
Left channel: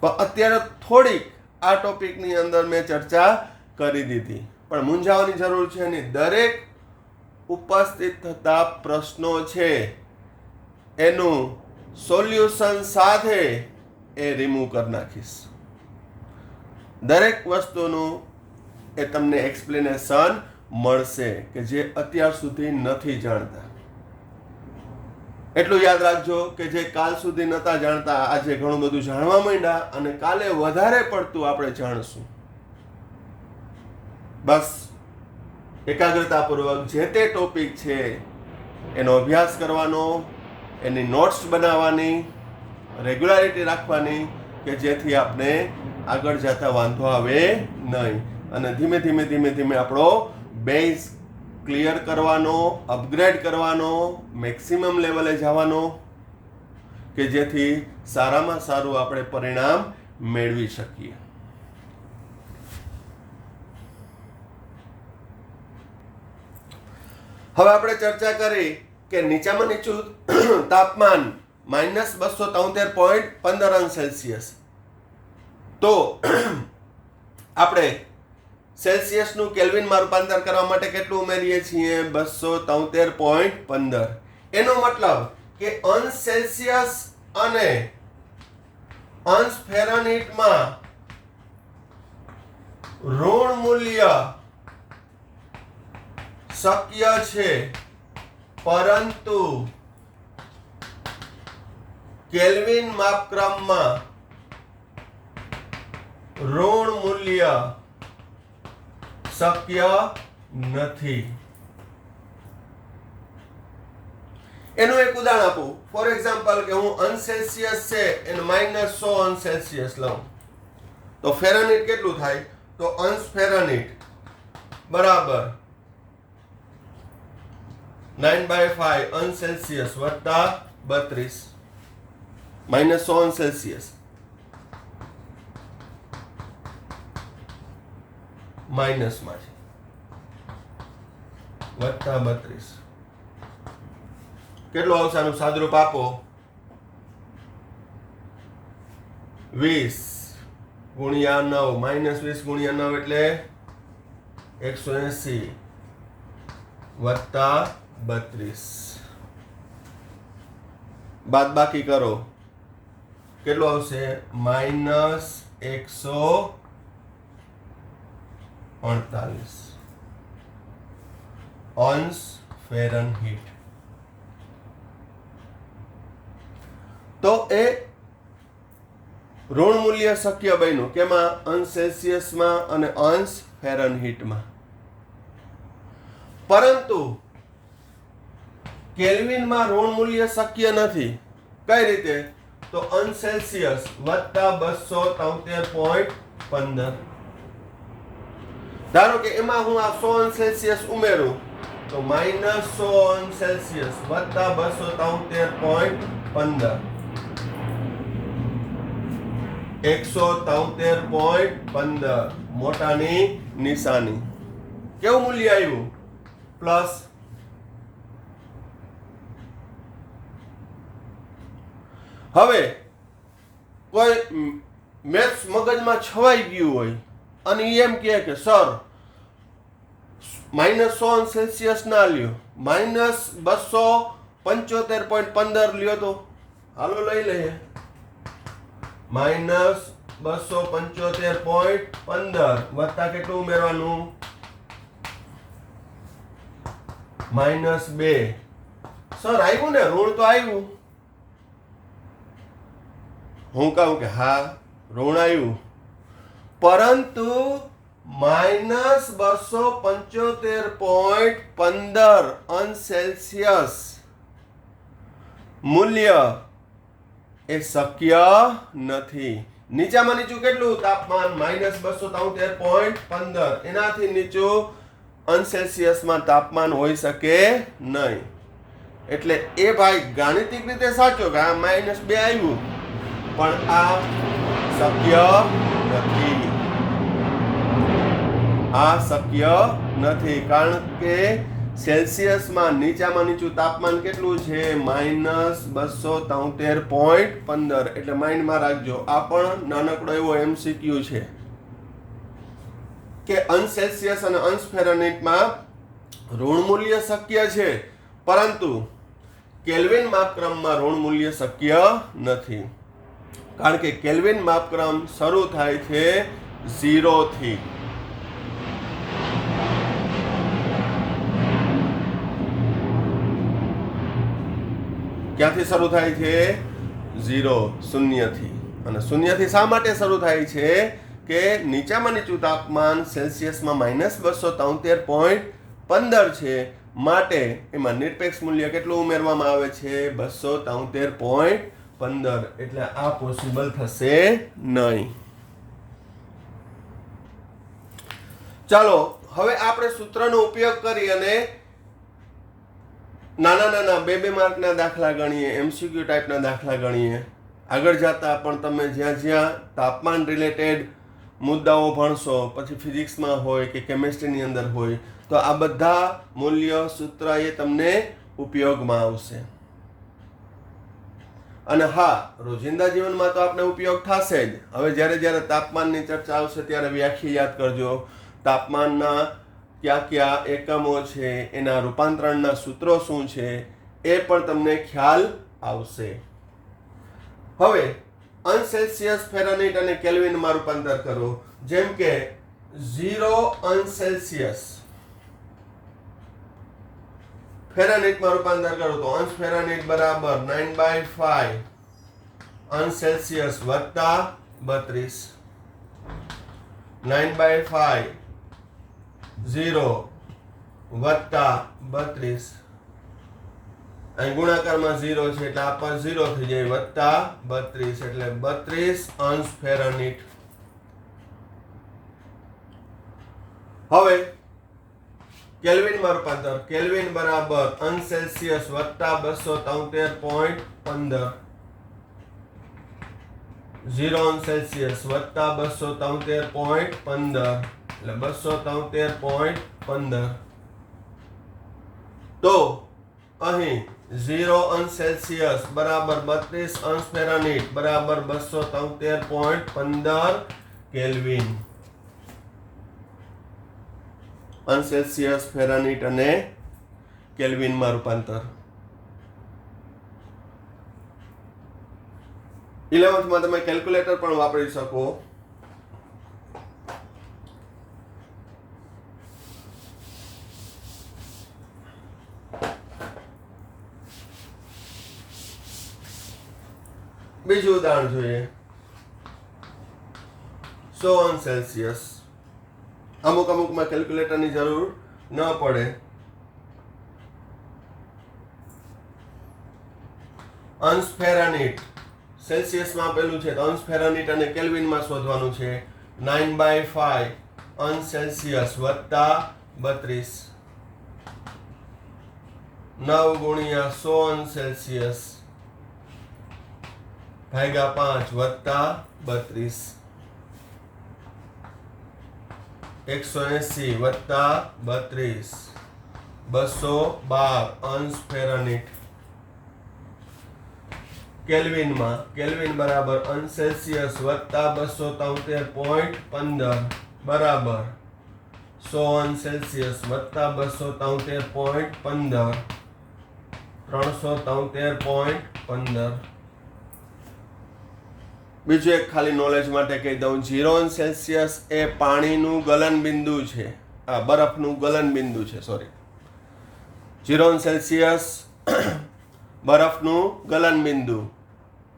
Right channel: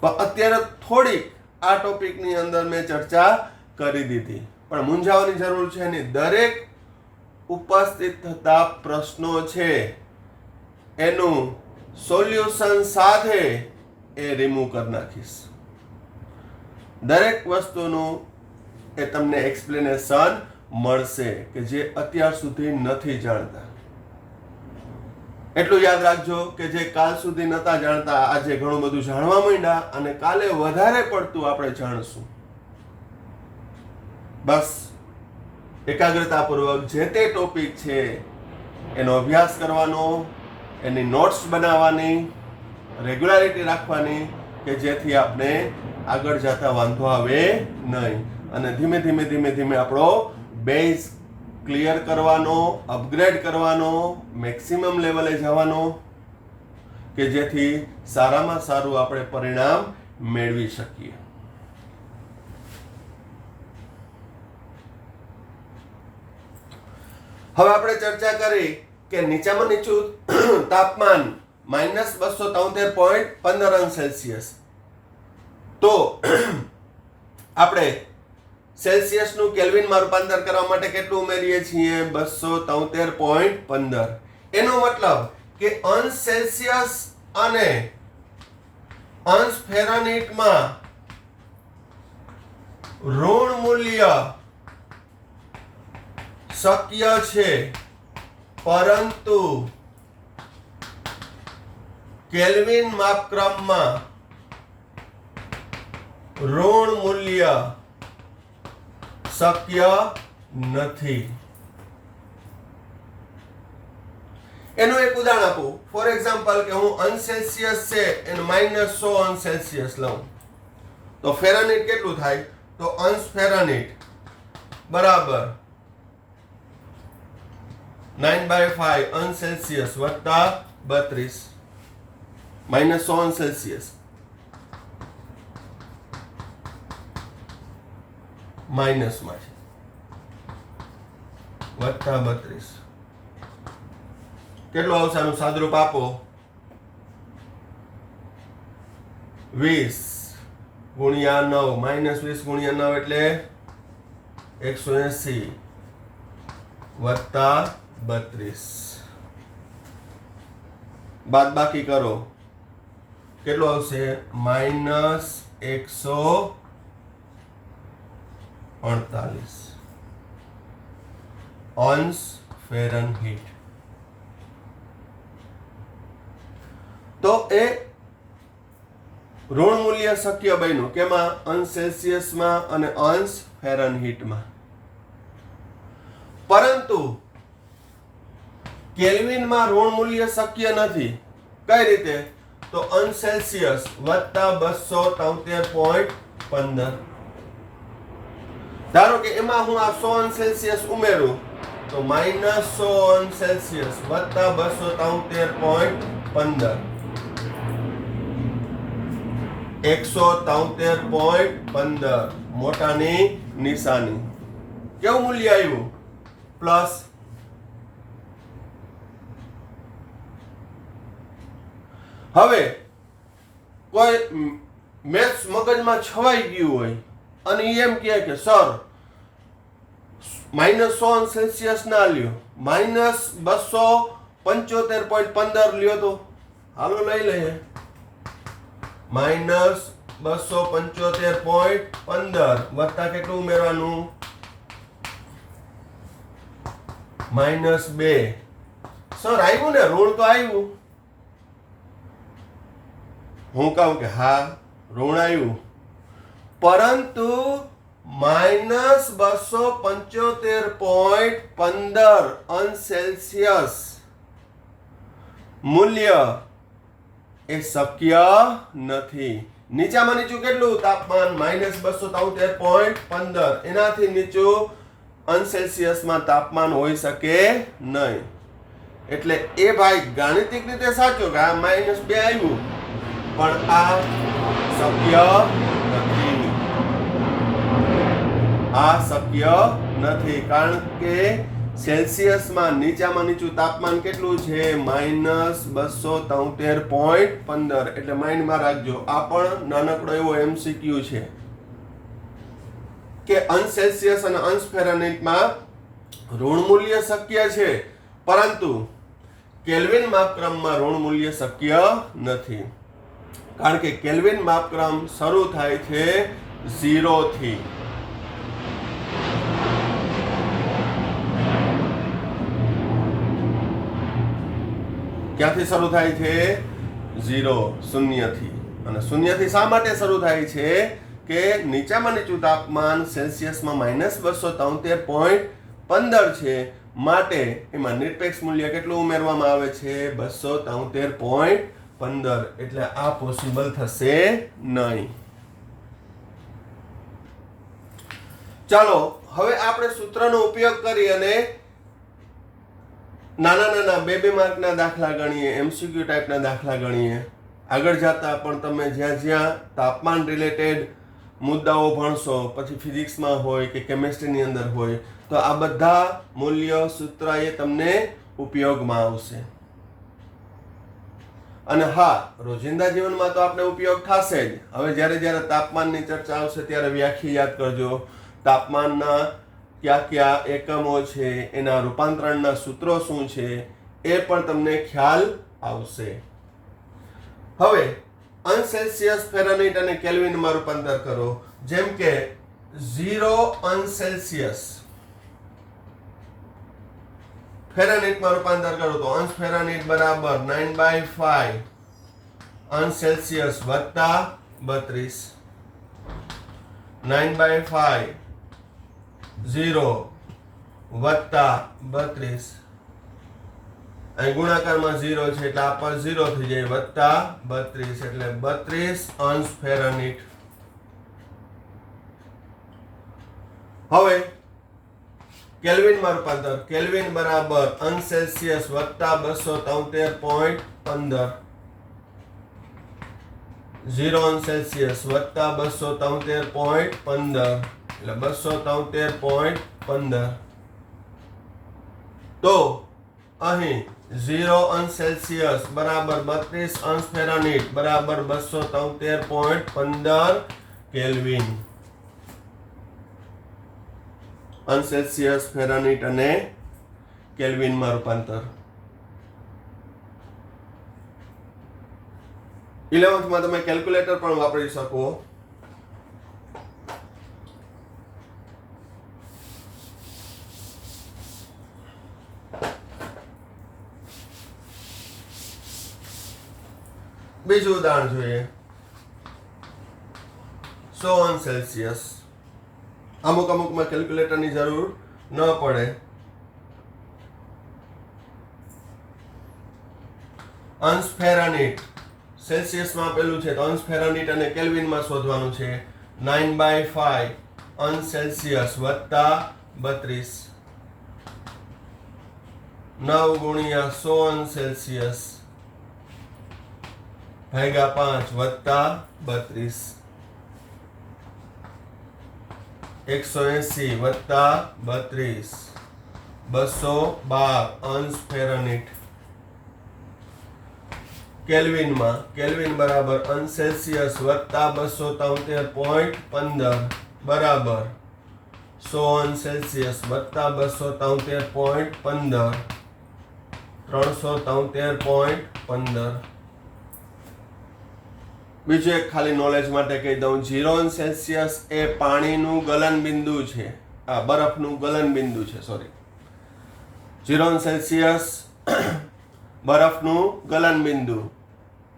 પણ અત્યારે થોડીક આ ટોપિકની અંદર મેં ચર્ચા કરી દીધી, પણ મૂંઝાવાની જરૂર છે નહીં. દરેક ઉપસ્થિત થતા પ્રશ્નો છે એનું સોલ્યુશન સાથે એ રિમૂવ કરી નાખીશ. દરેક વસ્તુનું એ તમને એક્સપ્લેનેશન મળશે કે જે અત્યાર સુધી નથી જાણતા. એટલું યાદ રાખજો કે જે કાલ સુધી નહોતા જાણતા આજે ઘણું બધું જાણવા માંડ્યા, અને કાલે વધારે પડતું આપણે જાણશું. બસ એકાગ્રતાપૂર્વક જે તે ટોપિક છે એનો અભ્યાસ કરવાનો, એની નોટ્સ બનાવવાની, રેગ્યુલારિટી રાખવાની કે જેથી આપણે આગળ જતા વાંધો આવે નહીં. અને ધીમે ધીમે આપણો બેઝ ક્લિયર કરવાનો, અપગ્રેડ કરવાનો, મેક્સિમમ લેવલે જવાનો કે જેથી સારામાં સારું આપણે પરિણામ મેળવી શકીએ. હવે આપણે ચર્ચા કરી કે નીચામાં નીચું તાપમાન -273.15 અંશ સેલ્સિયસ. તો આપણે સેલ્સિયસનું કેલ્વિનમાં રૂપાંતર કરવા માટે કેટલું ઉમેરીએ છીએ? 273.15. એનો મતલબ કે અંશ સેલ્સિયસ અને અંશ ફેરનહીટમાં ઋણ મૂલ્ય શક્ય છે, પરંતુ કેલ્વિન માપક્રમમાં ઋણ મૂલ્ય શક્ય નથી. એનું એક ઉદાહરણ આપું. ફોર એક્ઝામ્પલ કે હું અંશ સેલ્સિયસ છે એને -100 અંશ સેલ્સિયસ લઉં તો ફેરનહીટ કેટલું થાય? તો અંશ ફેરનહીટ બરાબર 9/5 અંશ સેલ્સિયસ વત્તા 32 -100 અંશ સેલ્સિયસ માઇનસમાં છે વત્તા 32 કેટલું આવશે? આનું સાદુરૂપ આપો. 20 ગુણ્યા 9 -20 ગુણ્યા 9 એટલે 180 વત્તા 32 બાદ બાકી કરો કેટલું આવશે? -148 અંશ ફેરનહીટ. તો એ ઋણ મૂલ્ય શક્ય બન્યું કેમાં? અંશ સેલ્સિયસમાં અને અંશ ફેરનહીટમાં. પરંતુ કેલ્વિનમાં ઋણ મૂલ્ય શક્ય નથી. કઈ રીતે? તો અંશ સેલ્સિયસ વત્તા 273.15. ધારો કે એમાં હું આ 100 અંશ સેલ્સિયસ ઉમેરું તો -100 અંશ સેલ્સિયસ વત્તા 273.15 173.15 મોટાની નિશાની. કેવું મૂલ્ય આવ્યું? પ્લસ. હવે કોઈ મેથ્સ મગજમાં છવાઈ ગયું હોય અને એમ કહે કે સર -100 અંશ સેલ્સિયસ ના લ્યો, -275.15 લ્યો તો હાલો લઈ લઈએ. -275.15 વત્તા કેટલું ઉમેરવાનું? -2. સર આવ્યું ને? ઋણ તો આવ્યું. હું કહું કે હા ઋણ આવ્યું, પરંતુ -275.15 અંશ સેલ્સિયસ મૂલ્ય એ શક્ય નથી. નીચામાં નીચું કેટલું તાપમાન? -273.15. એનાથી નીચું અંશ સેલ્સિયસમાં તાપમાન હોઈ શકે નહીં. એટલે એ ભાઈ ગાણિતિક રીતે સાચો કે આ -2 આવ્યું, પણ આ શક્ય નથી. આ શક્ય નથી કારણ કે સેલ્સિયસમાં નીચામાં નીચું તાપમાન કેટલું છે? -273.15. એટલે માઇન્ડમાં રાખજો. આ પણ નાનકડો એવો MCQ છે કે અંશ સેલ્સિયસ અને અંશ ફેરનહીટમાં ઋણ મૂલ્ય શક્ય છે, પરંતુ કેલ્વિન માપક્રમમાં ઋણ મૂલ્ય શક્ય નથી. કારણ કે કેલ્વિન માપક્રમ શરૂ થાય છે 0 થી. ક્યાંથી શરૂ થાય છે? 0 શૂન્યથી. અને શૂન્યથી શા માટે શરૂ થાય છે? કે નીચામાં નીચું તાપમાન સેલ્સિયસમાં -273.15 છે, માટે એમાં નિરપેક્ષ મૂલ્ય કેટલું ઉમેરવામાં આવે છે? 273.15. એટલે આ પોસિબલ થશે નહીં. ચાલો હવે આપણે સૂત્રનો ઉપયોગ કરી અને નાના 2 માર્કના દાખલા ગણીએ, MCQ ટાઈપના દાખલા ગણીએ. આગળ જતા પણ તમે જ્યાં જ્યાં તાપમાન રિલેટેડ મુદ્દાઓ ભણશો, પછી ફિઝિક્સમાં હોય કે કેમેસ્ટ્રીની અંદર હોય, તો આ બધા મૂલ્ય સૂત્ર એ તમને ઉપયોગમાં આવશે. અને હા, રોજિંદા જીવનમાં તો આપણે ઉપયોગ થશે જ. હવે જ્યારે તાપમાનની ચર્ચા આવશે ત્યારે વ્યાખ્યા યાદ કરજો. તાપમાનના કયા કયા એકમો છે, એના રૂપાંતરણના સૂત્રો શું છે, એ પણ તમને ખ્યાલ આવશે. હવે અંશ સેલ્સિયસ, ફેરનહીટ અને કેલ્વિનમાં રૂપાંતર કરો. જેમ કે 0°C ફેરાનહીટમાં રૂપાંતર કરું તો અંશ ફેરાનહીટ બરાબર 9/5 °C વત્તા 32 9/5 0 વત્તા 32 અહીં ગુણાકારમાં 0 છે એટલે આ પર 0 થઈ જાય વત્તા 32 એટલે 32 અંશ ફેરાનહીટ. હવે કેલ્વિનમાં રૂપાંતર કેલ્વિન બરાબર અંશ સેલ્સિયસ વત્તા 273.15 0°C વત્તા 273.15 એટલે 273.15 તો અહીં 0°C બરાબર 32 અંશ ફેરાનહીટ બરાબર 273.15 કેલ્વિન. અંશ સેલ્સિયસ ફેરાનહીટ અને કેલ્વિનમાં રૂપાંતર. 11th માં તમે કેલ્ક્યુલેટર પણ વાપરી શકો. બીજું ઉદાહરણ જોઈએ 100°C. અમુકમાં કેલ્ક્યુલેટરની જરૂર ન પડે. અંશ ફેરાનહીટ સેલ્સિયસમાં આપેલું છે તો અંશ ફેરાનહીટ અને કેલ્વિનમાં શોધવાનું છે. 9/5 અંશ સેલ્સિયસ વત્તા 32 9 ગુણ્યા 100 અંશ સેલ્સિયસ ભાગ્યા 5 વત્તા 32 180 વત્તા 32 212 અંશ ફેરાનહીટ. કેલ્વિન બરાબર અંશ સેલ્સિયસ વત્તા 273.15 બરાબર 100 અંશ સેલ્સિયસ વત્તા 273.15 373.15. બીજું એક ખાલી નોલેજ માટે કહી દઉં 0°C એ પાણીનું ગલન બિંદુ છે. બરફનું ગલન બિંદુ છે. 0°C બરફનું ગલન બિંદુ.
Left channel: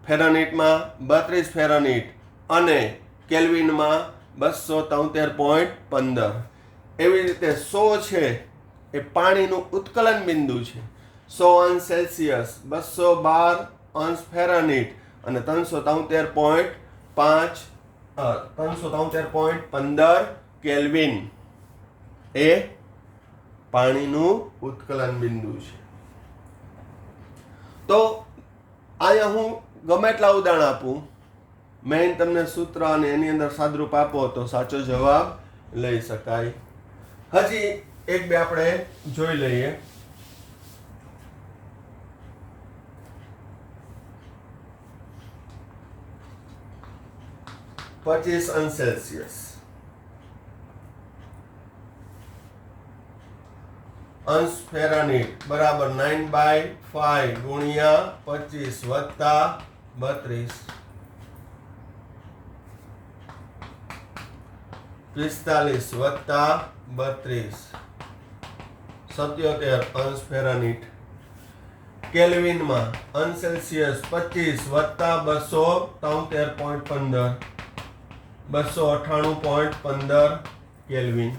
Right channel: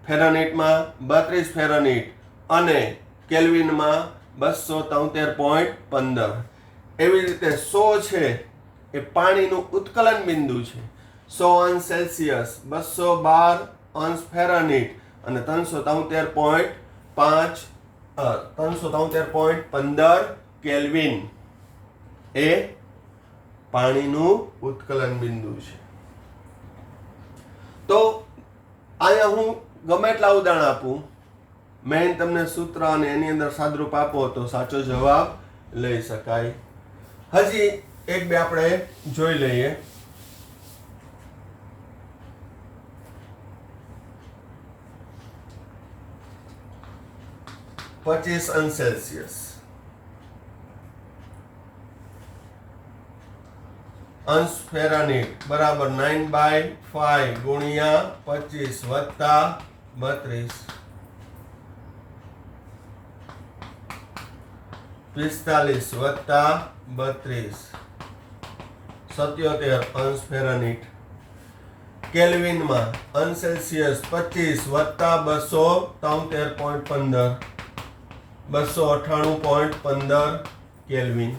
ફેરાનહીટમાં 32 ફેરાનહીટ અને કેલ્વિનમાં 273.15. એવી રીતે 100 છે એ પાણીનું ઉત્કલન બિંદુ છે. 100°C 212 અંશ ફેરાનહીટ અને 373.15 કેલ્વિન એ પાણીનું ઉત્કલન બિંદુ છે. તો અહીંયા હું ગમે એટલા ઉદાહરણ આપું, મેં તમને સૂત્ર અને એની અંદર સાદરૂપ આપો તો સાચો જવાબ લઈ શકાય. હજી એક બે આપણે જોઈ લઈએ. 25°C અંશ ફેરાનહીટ બરાબર 9/5 ગુણ્યા 25 વત્તા 32 45 વત્તા 32 77 અંશ ફેરાનહીટ. કેલ્વિનમાં અંશ સેલ્સિયસ 25 વત્તા 273.15 298.15 કેલ્વિન.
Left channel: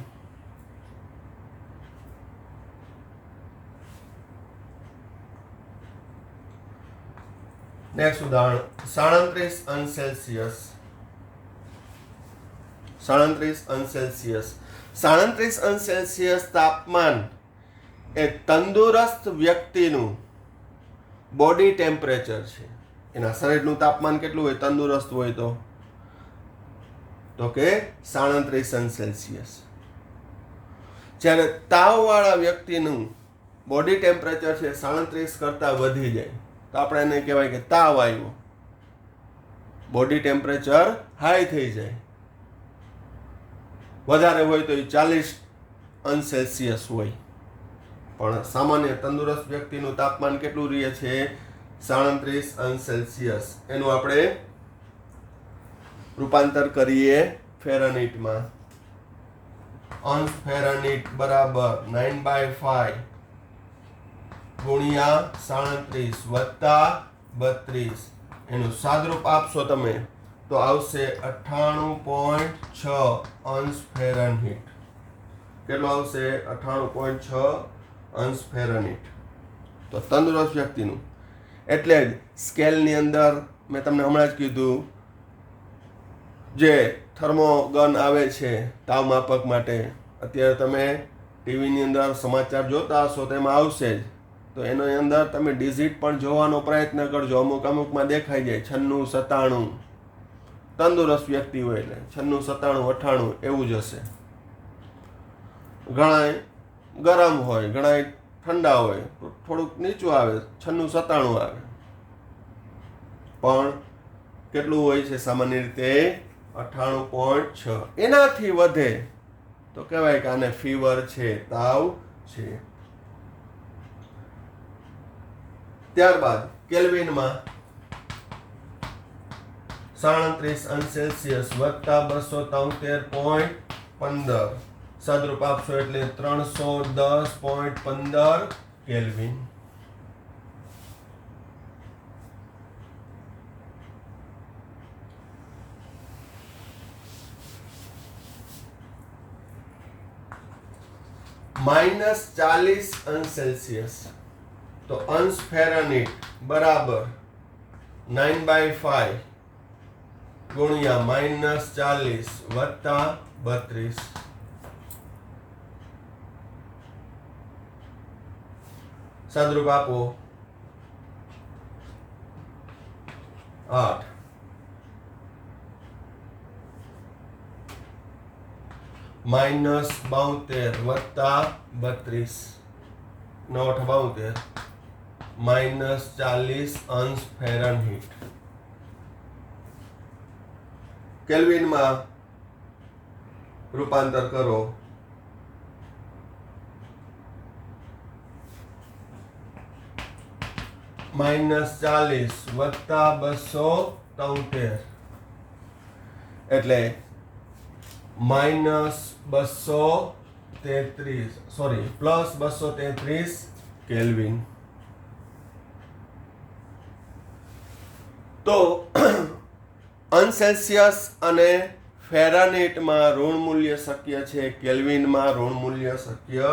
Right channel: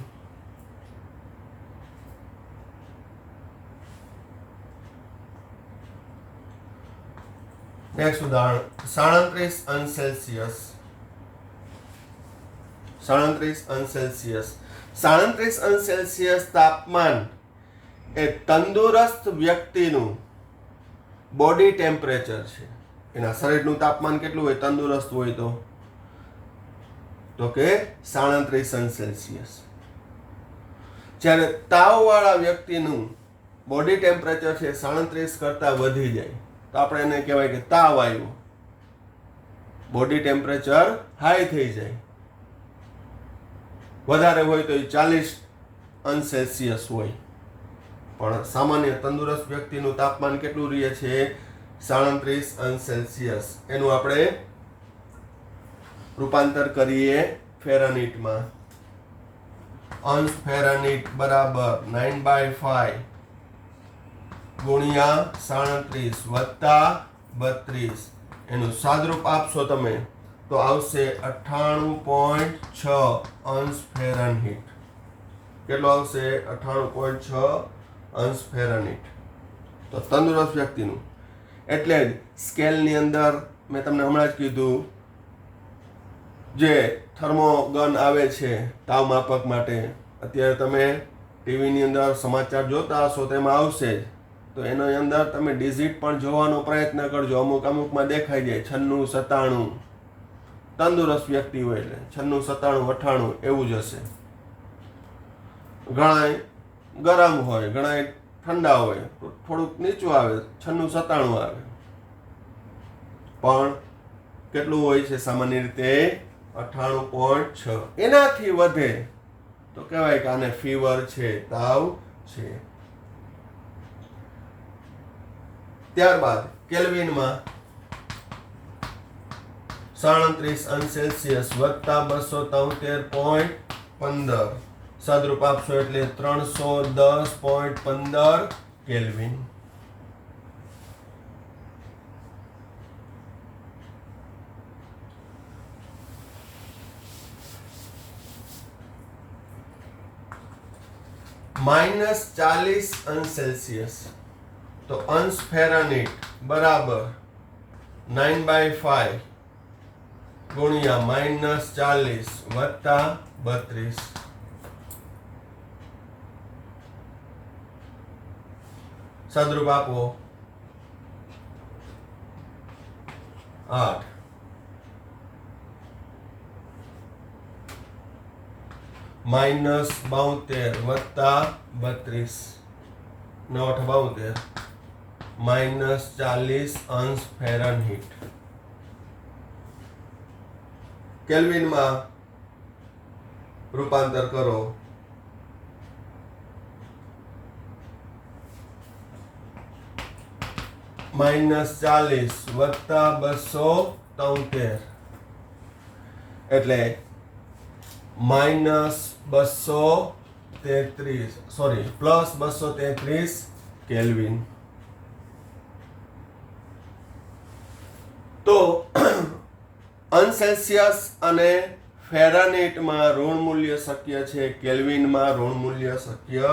નેક્સ્ટ ઉદાહરણ 37°C 37°C તાપમાન એ તંદુરસ્ત વ્યક્તિનું બોડી ટેમ્પરેચર છે. એના શરીરનું તાપમાન કેટલું હોય તંદુરસ્ત હોય તો કે 37°C. જ્યારે તાવવાળા વ્યક્તિનું બોડી ટેમ્પરેચર છે 37 કરતાં વધી જાય તો આપણે એને કહેવાય કે તાવ આવ્યો. બોડી ટેમ્પરેચર હાઈ થઈ જાય, વધારે હોય તો 40°C હોય. પણ સામાન્ય તંદુરસ્ત વ્યક્તિનું તાપમાન કેટલું રહે છે 37°C. એનું આપણે રૂપાંતર કરીએ ફેરાનહીટમાં. અંશ ફેરનહીટ બરાબર 9/5 ગુણ્યા 37 વત્તા 32. એનું સાદરૂપ આપશો તમે તો આવશે 98.6 અંશ ફેરનહીટ. કેટલો આવશે? 98.6 અંશ ફેરનહીટ. તો તંદુરસ્ત વ્યક્તિનું, એટલે જ સ્કેલની અંદર મેં તમને હમણાં જ કીધું, જે થર્મોગન આવે છે તાવ માપક માટે, અત્યારે તમે ટીવીની અંદર સમાચાર જોતા હશો તો એમાં આવશે જ. તો એની અંદર તમે ડિજિટ પણ જોવાનો પ્રયત્ન કરજો. અમુકમાં દેખાઈ જાય 96, 97. તંદુરસ્ત વ્યક્તિ હોય એટલે 96, 97, 98 એવું જ હશે. ઘણા ગરમ હોય, ઘણા ઠંડા હોય, થોડુંક નીચું આવે, 96, 97 આવે. પણ કેટલું હોય છે સામાન્ય રીતે? 98.6. એનાથી વધે તો કહેવાય કે આને ફીવર છે, તાવ છે. ત્યારબાદ કેલ્વિનમાં 37 અંશ સેલ્સિયસ વત્તા 273.15 સાદરૂપ આપશો એટલે 310.15 કેલ્વિન. -40 અંશ સેલ્સિયસ, તો અંશ ફેરનહીટ બરાબર 9/5 ગુણ્યા -40 વત્તા 32. સાદરૂપ આપો 8. -72 વત્તા 32, 9/8 -40 અંશ ફેરનહીટ. કેલ્વિનમાં રૂપાંતર કરો. -40 વત્તા 273 એટલે +233 કેલ્વિન. તો અંશ સેલ્સિયસ અને ફેરનહીટમાં ઋણ મૂલ્ય શક્ય છે, કેલ્વિનમાં ઋણ મૂલ્ય શક્ય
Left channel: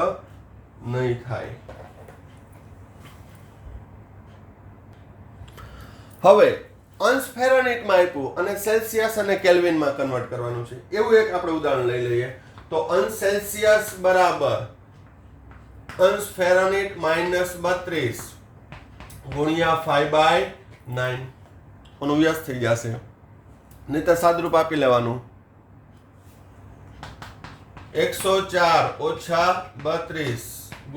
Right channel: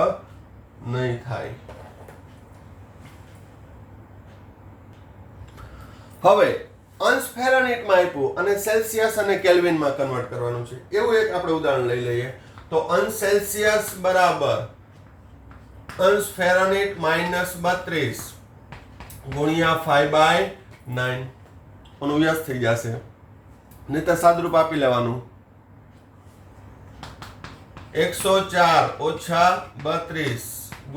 નહીં થાય. હવે અંશ ફેરનહીટમાં આપ્યું અને સેલ્સિયસ અને કેલ્વિનમાં કન્વર્ટ કરવાનું છે. એવું એક આપણે ઉદાહરણ લઈ લઈએ. તો અંશ સેલ્સિયસ બરાબર અંશ ફેરનહીટ -32 ગુણ્યા 5/9 નો વ્યાસ થઈ જશે. નહીં તો સાદરૂપ આપી લેવાનું 104 ઓછા 32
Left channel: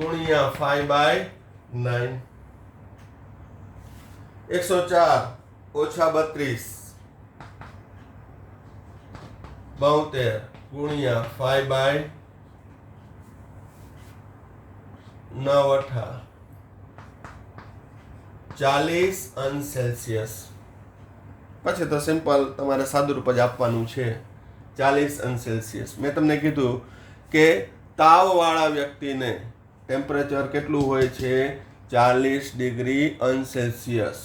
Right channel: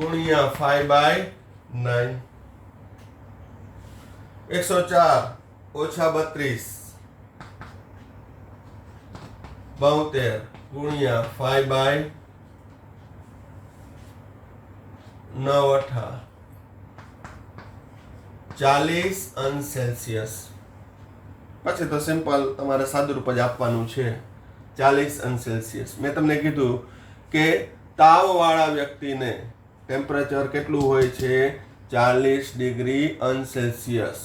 ગુણ્યા 5/9. 104 ઓછા 32 72 ગુણ્યા 5/9 40 અંશ સેલ્સિયસ. પછી તો સિમ્પલ તમારે સાદુરૂપ જ આપવાનું છે 40 અંશ સેલ્સિયસ. મેં તમને કીધું કે તાવવાળા વ્યક્તિને ટેમ્પરેચર કેટલું હોય છે? 40 ડિગ્રી અંશ સેલ્સિયસ.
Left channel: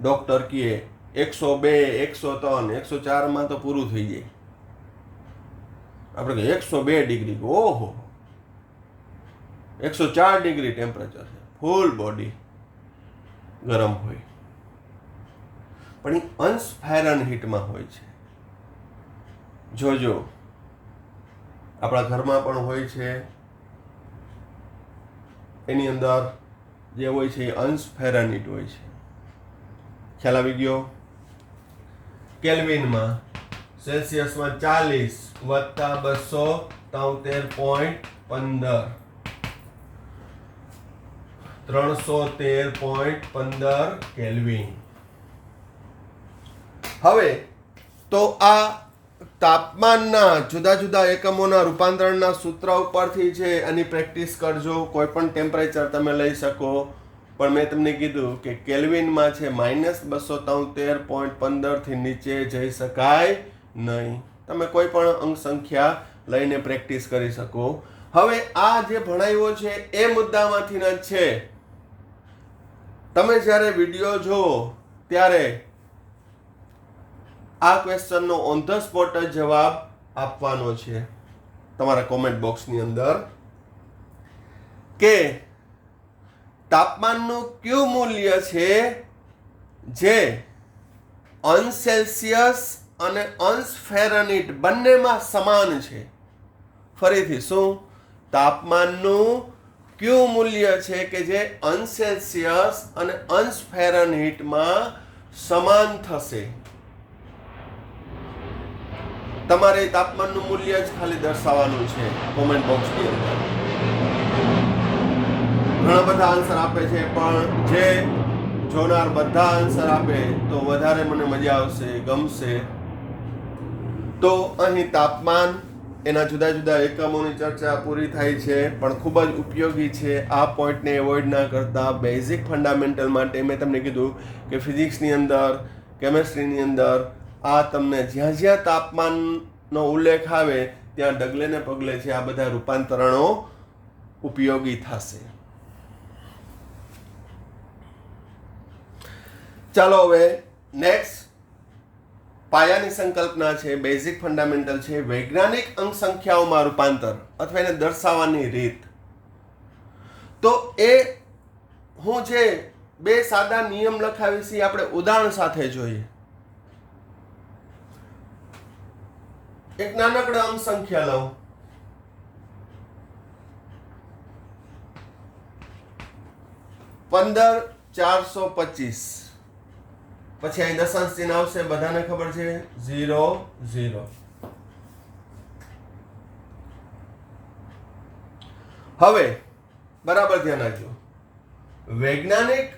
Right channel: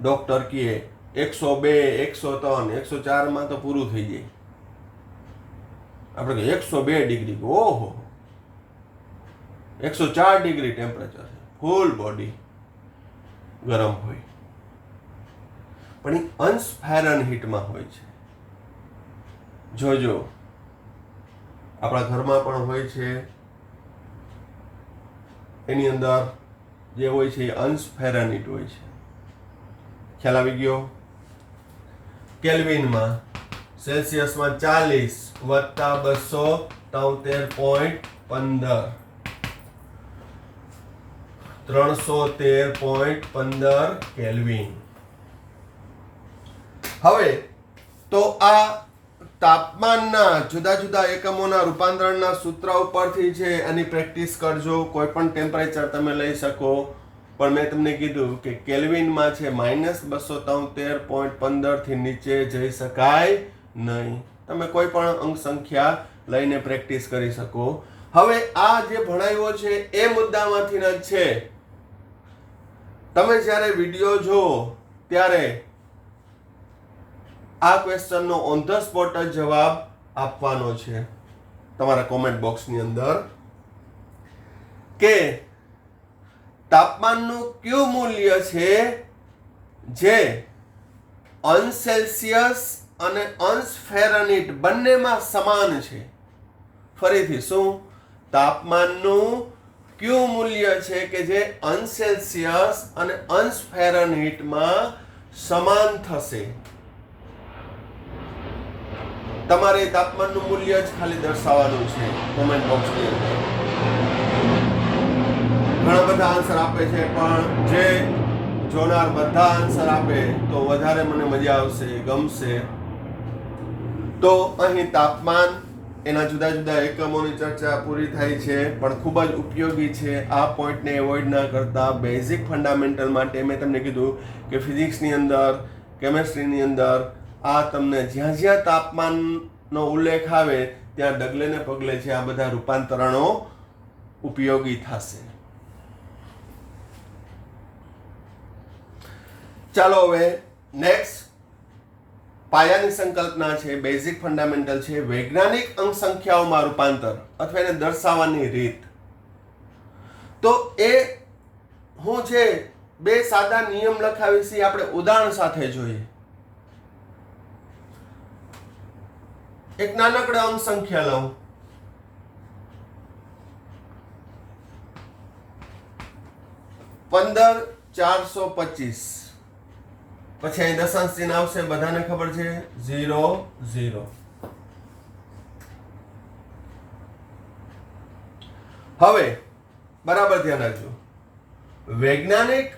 ડોક્ટર કહે 102, 103, 104 તો પૂરું થઈ જાય. આપણે 102 ડિગ્રી, ઓહો 104 ડિગ્રી ટેમ્પરેચર છે, ફૂલ બોડી ગરમ હોય. પણ એ અંશ ફેરનહીટમાં હોય છે. જોજો આપણા ઘરમાં પણ હોય છે, એની અંદર જે હોય છે એ અંશ ફેરનહીટ હોય છે. ખ્યાલ આવી ગયો? કેલ્વિનમાં સેલ્સિયસમાં 40 વત્તા 273.15 313.15 કેલ્વિન. હવે તો આ તાપમાનના જુદા જુદા એકમોના રૂપાંતરણના સૂત્ર ઉપરથી છે, આની પ્રેક્ટિસ કરજો. કોઈ પણ ટેમ્પરેચર તમે લઈ શકો, પણ મેં તમને કીધું કે કેલ્વિનમાં છે -273.15 થી નીચે જઈ શકાય નહીં. તમે કોઈ પણ અંક સંખ્યા લઈને પ્રેક્ટિસ કરી શકો. હવે આ જે ભણાવ્યો છે એ મુદ્દામાંથી જ છે. તમે જ્યારે વિડીયો જુઓ ત્યારે આ ક્વેશ્ચનનો ઓન ધ સ્પોટ જ જવાબ આપવાનો છે તમારા કોમેન્ટ બોક્સની અંદર કે તાપમાનનું કયું મૂલ્ય છે જે અંશ સેલ્સિયસ અને અંશ ફેરનહીટ બંનેમાં સમાન છે. ફરીથી શું? તાપમાનનું કયું મૂલ્ય છે કે જે અંશ સેલ્સિયસ અને અંશ ફેરનહીટમાં સમાન થશે. તમારે તાપમાનનું મૂલ્ય જ ખાલી દર્શાવવાનું છે કોમેન્ટ બોક્સની અંદર. ઘણા બધા આન્સર આપે છે, પણ જે જોનાર બધા આન્સર આપે તો વધારે મને મજા આવશે, ગમશે. તો અહીં તાપમાન, એના જુદા જુદા એકમોની ચર્ચા પૂરી થાય છે, પણ ખૂબ જ ઉપયોગી છે. આ પોઈન્ટને એવોઇડ ના કરતા બેઝિક ફંડામેન્ટલ માટે મેં તમને કીધું કે ફિઝિક્સની અંદર, કેમેસ્ટ્રીની અંદર આ તમને જ્યાં જ્યાં તાપમાનનો ઉલ્લેખ આવે ત્યાં ડગલે ને પગલે છે આ બધા રૂપાંતરણો ઉપયોગી થશે. ચાલો હવે નેક્સ્ટ પાયાની સંકલ્પના છે, બેઝિક ફંડામેન્ટલ છે, વૈજ્ઞાનિક અંક સંખ્યાઓમાં રૂપાંતર અથવા એને દર્શાવવાની રીત. તો એ હું છે બે સાદા નિયમ લખાવીશ, આપણે ઉદાહરણ સાથે જોઈએ. એક નાનકડા અંક સંખ્યા લઉં, $15,425. પછી અહીં દશાંશ ચિહ્ન આવશે, બધાને ખબર છે, 0 0. હવે બરાબર ધ્યાન રાખજો, વૈજ્ઞાનિક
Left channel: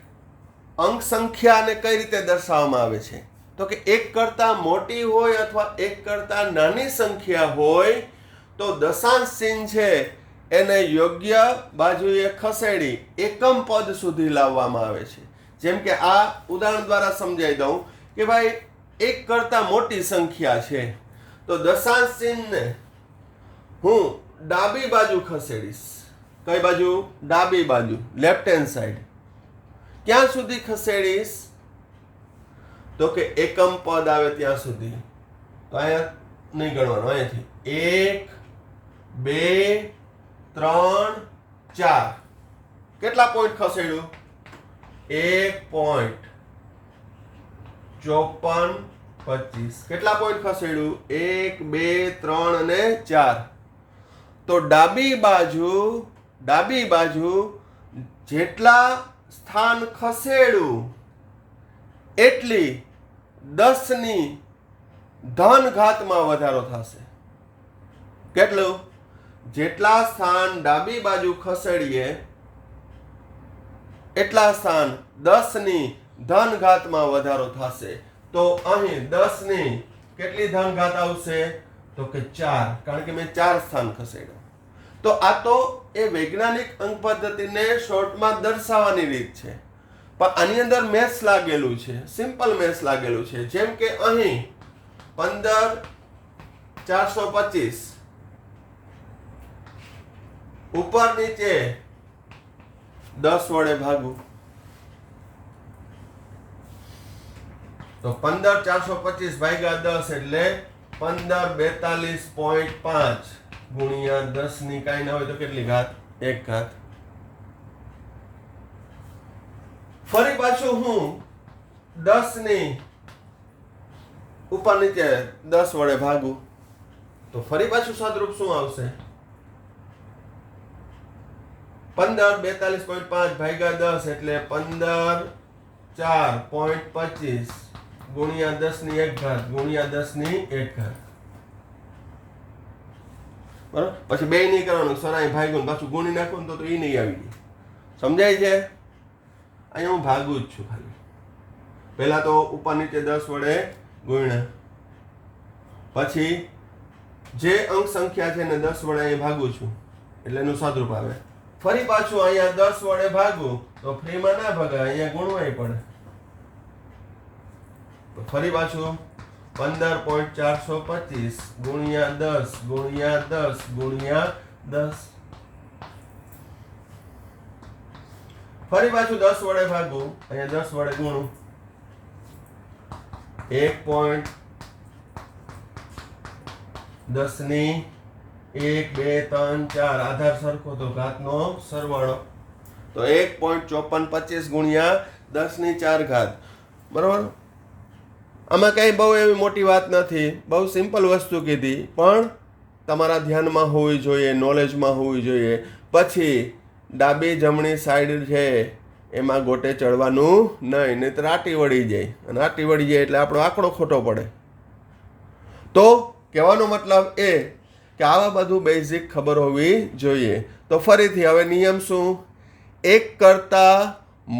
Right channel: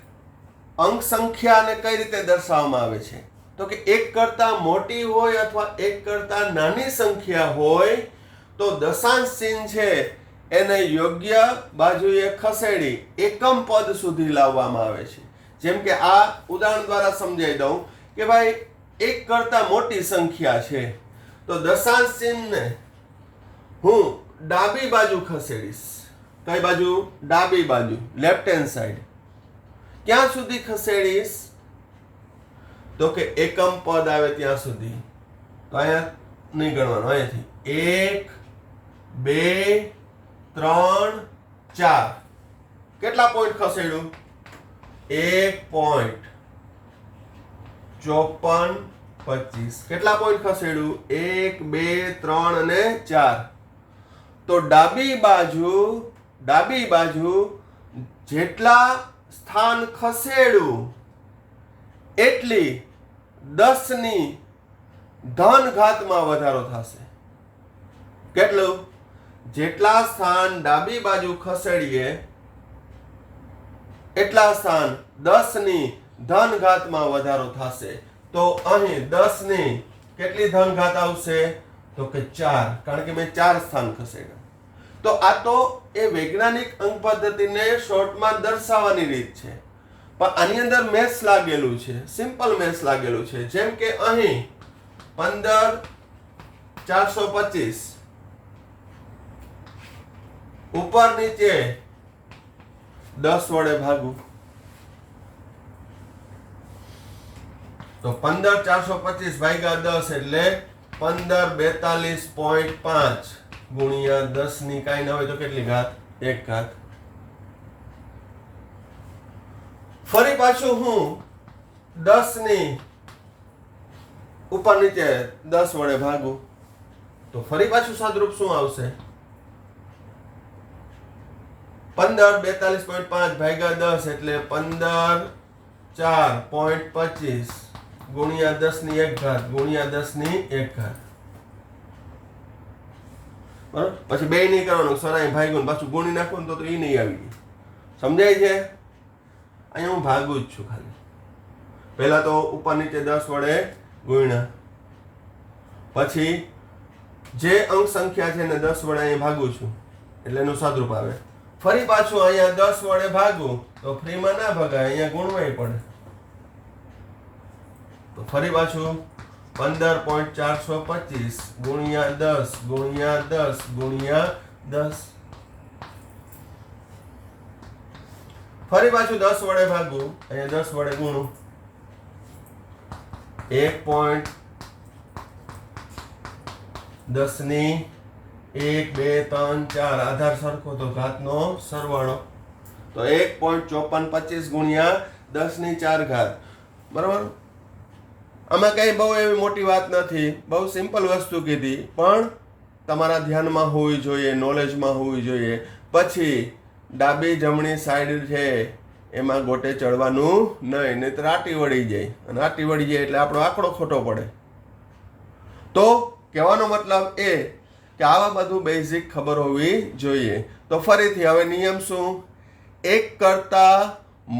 અંક સંખ્યાને કઈ રીતે દર્શાવવામાં આવે છે? તો કે એક કરતા મોટી હોય અથવા એક કરતા નાની સંખ્યા હોય તો દશાંશ ચિહ્ન છે એને યોગ્ય બાજુએ ખસેડી એકમ પદ સુધી લાવવામાં આવે છે. જેમ કે આ ઉદાહરણ દ્વારા સમજાવી દઉં કે ભાઈ એક કરતા મોટી સંખ્યા છે તો દશાંશ ચિહ્નને હું ડાબી બાજુ ખસેડીશ. કઈ બાજુ? ડાબી બાજુ, લેફ્ટ હેન્ડ સાઈડ. ક્યાં સુધી ખસેડીશ? તો કે એકમ પદ આવે ત્યાં સુધી. તો અહીંયા નહીં ગણવાનું, અહીંયાથી 1 2 3 4. કેટલા પોઈન્ટ ખસેડ્યું? 1.5425. કેટલા પોઈન્ટ ખસેડ્યું? 1 2 3 અને 4. તો ડાબી બાજુ જેટલા સ્થાન ખસેડું એટલી 10 ની ધન ઘાતમાં વધારો થશે. કેટલું? જેટલા સ્થાન ડાબી બાજુ ખસેડીએ એટલા સ્થાન 10 ની ધન ઘાતમાં વધારો થશે. તો અહીં 10 ની કેટલી ધન ઘાત આવશે? તો કે 4, કારણ કે મેં 4 સ્થાન ખસેડ્યા. તો આ તો એ વૈજ્ઞાનિક અંક પદ્ધતિને શોર્ટમાં દર્શાવવાની રીત છે, પણ આની અંદર મેથ્સ લાગેલું છે, સિમ્પલ મેથ્સ લાગેલું છે. જેમ કે અહીં 15,425 ઉપર નીચે 10 વડે ભાગું તો 15,425 ભાગ્યા 10 એટલે 1542.5 ગુણ્યા 10 ની કાંઈ ના હોય તો કેટલી ઘાત? 1 ઘાત. ફરી પાછું હું 10 ની ઉપર નીચે 10 વડે ભાગું તો ફરી પાછું સાદરૂપ શું આવશે? 1542.5 ભાગ્યા 10 એટલે 15,4.25 ગુણ્યા 10 ની 1 ઘાત ગુણ્યા 10 ની 1 ઘાત. બરાબર? પછી બે નહીં કરવાનું, સરાય ભાગ્યું પાછું ગુણી નાખવું તો એ નહીં આવી ગઈ. સમજાય છે? અહીંયા હું ભાગું જ છું ખાલી. પહેલા તો ઉપર નીચે 10 વડે ગુણ્યા, પછી જે અંક સંખ્યા છે એને 10 વડે અહીંયા ભાગું છું એટલે એનું સાદરૂપ આવે. ફરી પાછું અહીંયા 10 વડે ભાગું તો ફ્રીમાં ના ભગાય, અહીંયા ગુણવાય પડે. તો ફરી પાછું 15.425 ગુણ્યા 10 ગુણ્યા 10 ગુણ્યા 10. ફરી પાછું 10 વડે ભાગું, અહીંયા 10 વડે ગુણું. 1.10 ની 1 2 3 4 આધાર સરખો તો ઘાતનો સરવાળો, તો 1.5425 ગુણ્યા 10 ની 4 ઘાત. બરાબર. આમાં કઈ બહુ એવી મોટી વાત નથી, બહુ સિમ્પલ વસ્તુ કીધી, પણ તમારા ધ્યાનમાં હોવી જોઈએ, નોલેજમાં હોવી જોઈએ. પછી ડાબી જમણી સાઈડ છે એમાં ગોટે ચડવાનું નહીં, નહીંતર આટી વળી જાય, અને આટી વળી જાય એટલે આપણો આંકડો ખોટો પડે. તો કહેવાનો મતલબ એ કે આવા બધું બેઝિક ખબર હોવી જોઈએ. તો ફરીથી હવે નિયમ શું? એક કરતાં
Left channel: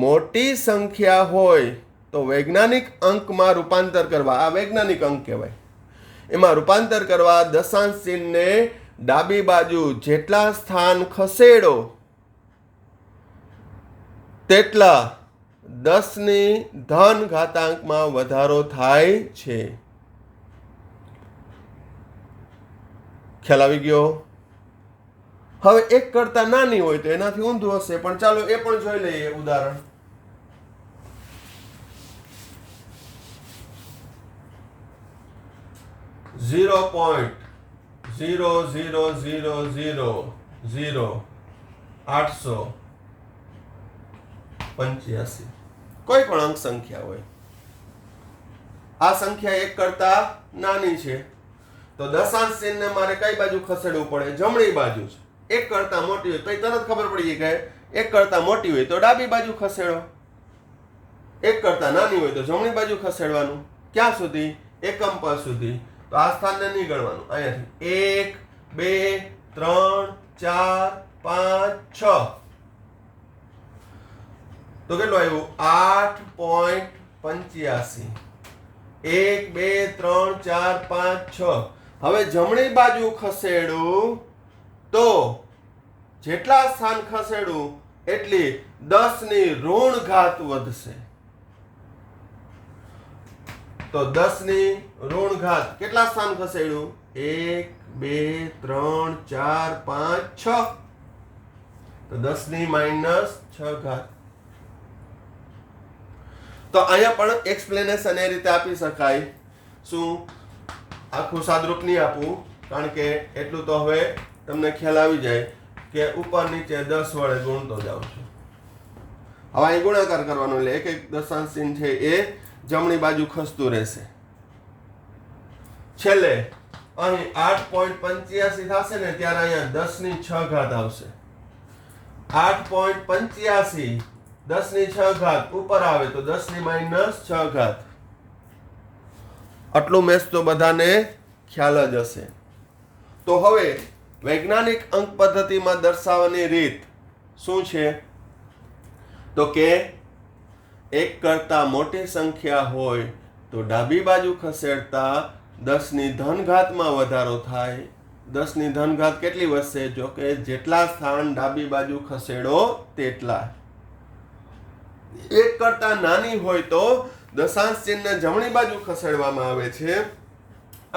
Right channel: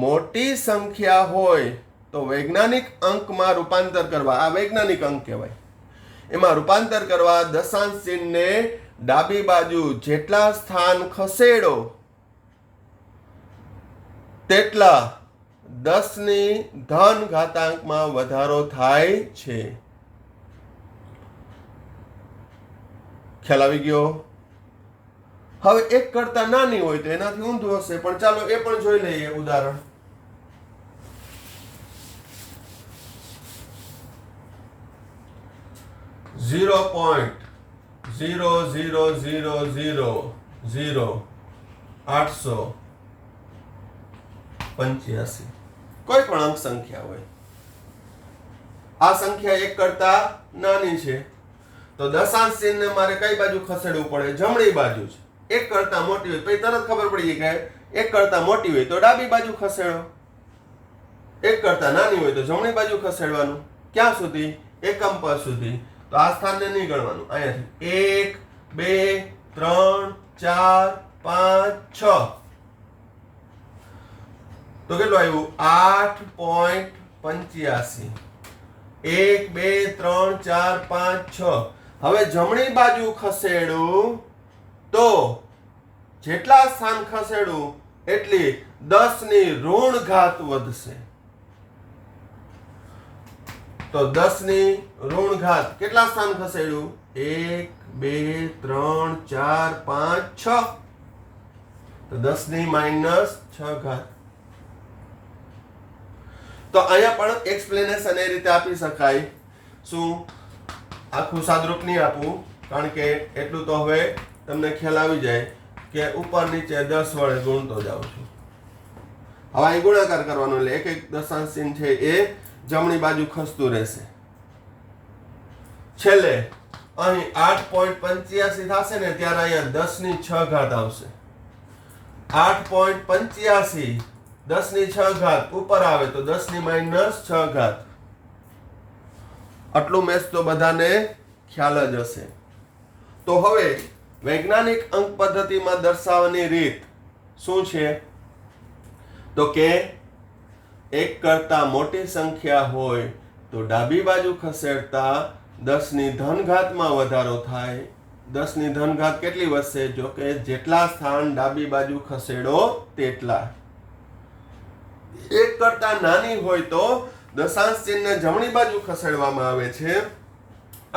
મોટી સંખ્યા હોય તો વૈજ્ઞાનિક અંકમાં રૂપાંતર કરવા, આ વૈજ્ઞાનિક અંક કહેવાય, એમાં રૂપાંતર કરવા દશાંશ ચિહ્નને ડાબી બાજુ જેટલા સ્થાન ખસેડો તેટલા 10 ની ધન ઘાતાંકમાં વધારો થાય છે. ખ્યાલ આવી ગયો? હવે એક કરતા નાની હોય તો એનાથી ઊંધું હશે, પણ ચાલો એ પણ જોઈ લઈએ ઉદાહરણ. $0.0000085 કોઈ પણ અંક સંખ્યા હોય, આ સંખ્યા એક કરતા નાની છે તો દશાંશ ચિહ્નને મારે કઈ બાજુ ખસેડવું પડે? જમણી બાજુ છે. એક કરતા મોટી હોય તો તરત ખબર પડી કે એક કરતા મોટી હોય તો ડાબી બાજુ ખસેડો, એક કરતા નાની હોય તો જમણી બાજુ ખસેડવાનું. ક્યાં સુધી? એકમ પદ સુધી. તો આ સ્થાનને નહીં ગણવાનું, અહીંયાથી 1 2 3 4 5 6. તો કેટલું આવ્યું? 8.85. 1 2 3 4 5 6. હવે જમણી બાજુ ખસેડું તો જેટલા સ્થાન ખસેડું એટલી 10 ની ઋણ ઘાત વધશે. તો 10 ની ઋણ ઘાત, કેટલા સ્થાન ખસેડ્યું? 1 2 3 4 5 6. તો 10 ની -6 ઘાત. તો અહીંયા પણ એક્સપ્લેનેશન એ રીતે આપી શકાય. શું? આખું સાદરૂપ નહીં આપું, કારણ કે એટલું તો હવે તમને ખ્યાલ આવી જાય કે ઉપર નીચે 10 વડે ગુણતો જાઉં છું. હવે અહીં ગુણાકાર કરવાનો એટલે એક એક દશાંશ ચિહ્ન છે એ જમણી બાજુ ખસતું રહેશે. છેલ્લે અહીં 8.85 થશે ને ત્યારે અહીંયા 10 ની 6 ઘાત આવશે. 8.85 10 ની 6 ઘાત ઉપર આવે તો 10 ની -6 ઘાત. આટલું મેચ તો બધાને ખ્યાલ જ હશે. તો હવે વૈજ્ઞાનિક અંક પદ્ધતિમાં દર્શાવવાની રીત શું છે? તો કે એક કરતા મોટી સંખ્યા હોય તો ડાબી બાજુ ખસેડતા 10 ની ધન ઘાતમાં વધારો થાય. 10 ની ધન ઘાત કેટલી વધશે? જો કે જેટલા સ્થાન ડાબી બાજુ ખસેડો તેટલા. એક કરતા નાની હોય તો દશાંશ ચિહ્નને જમણી બાજુ ખસેડવામાં આવે છે,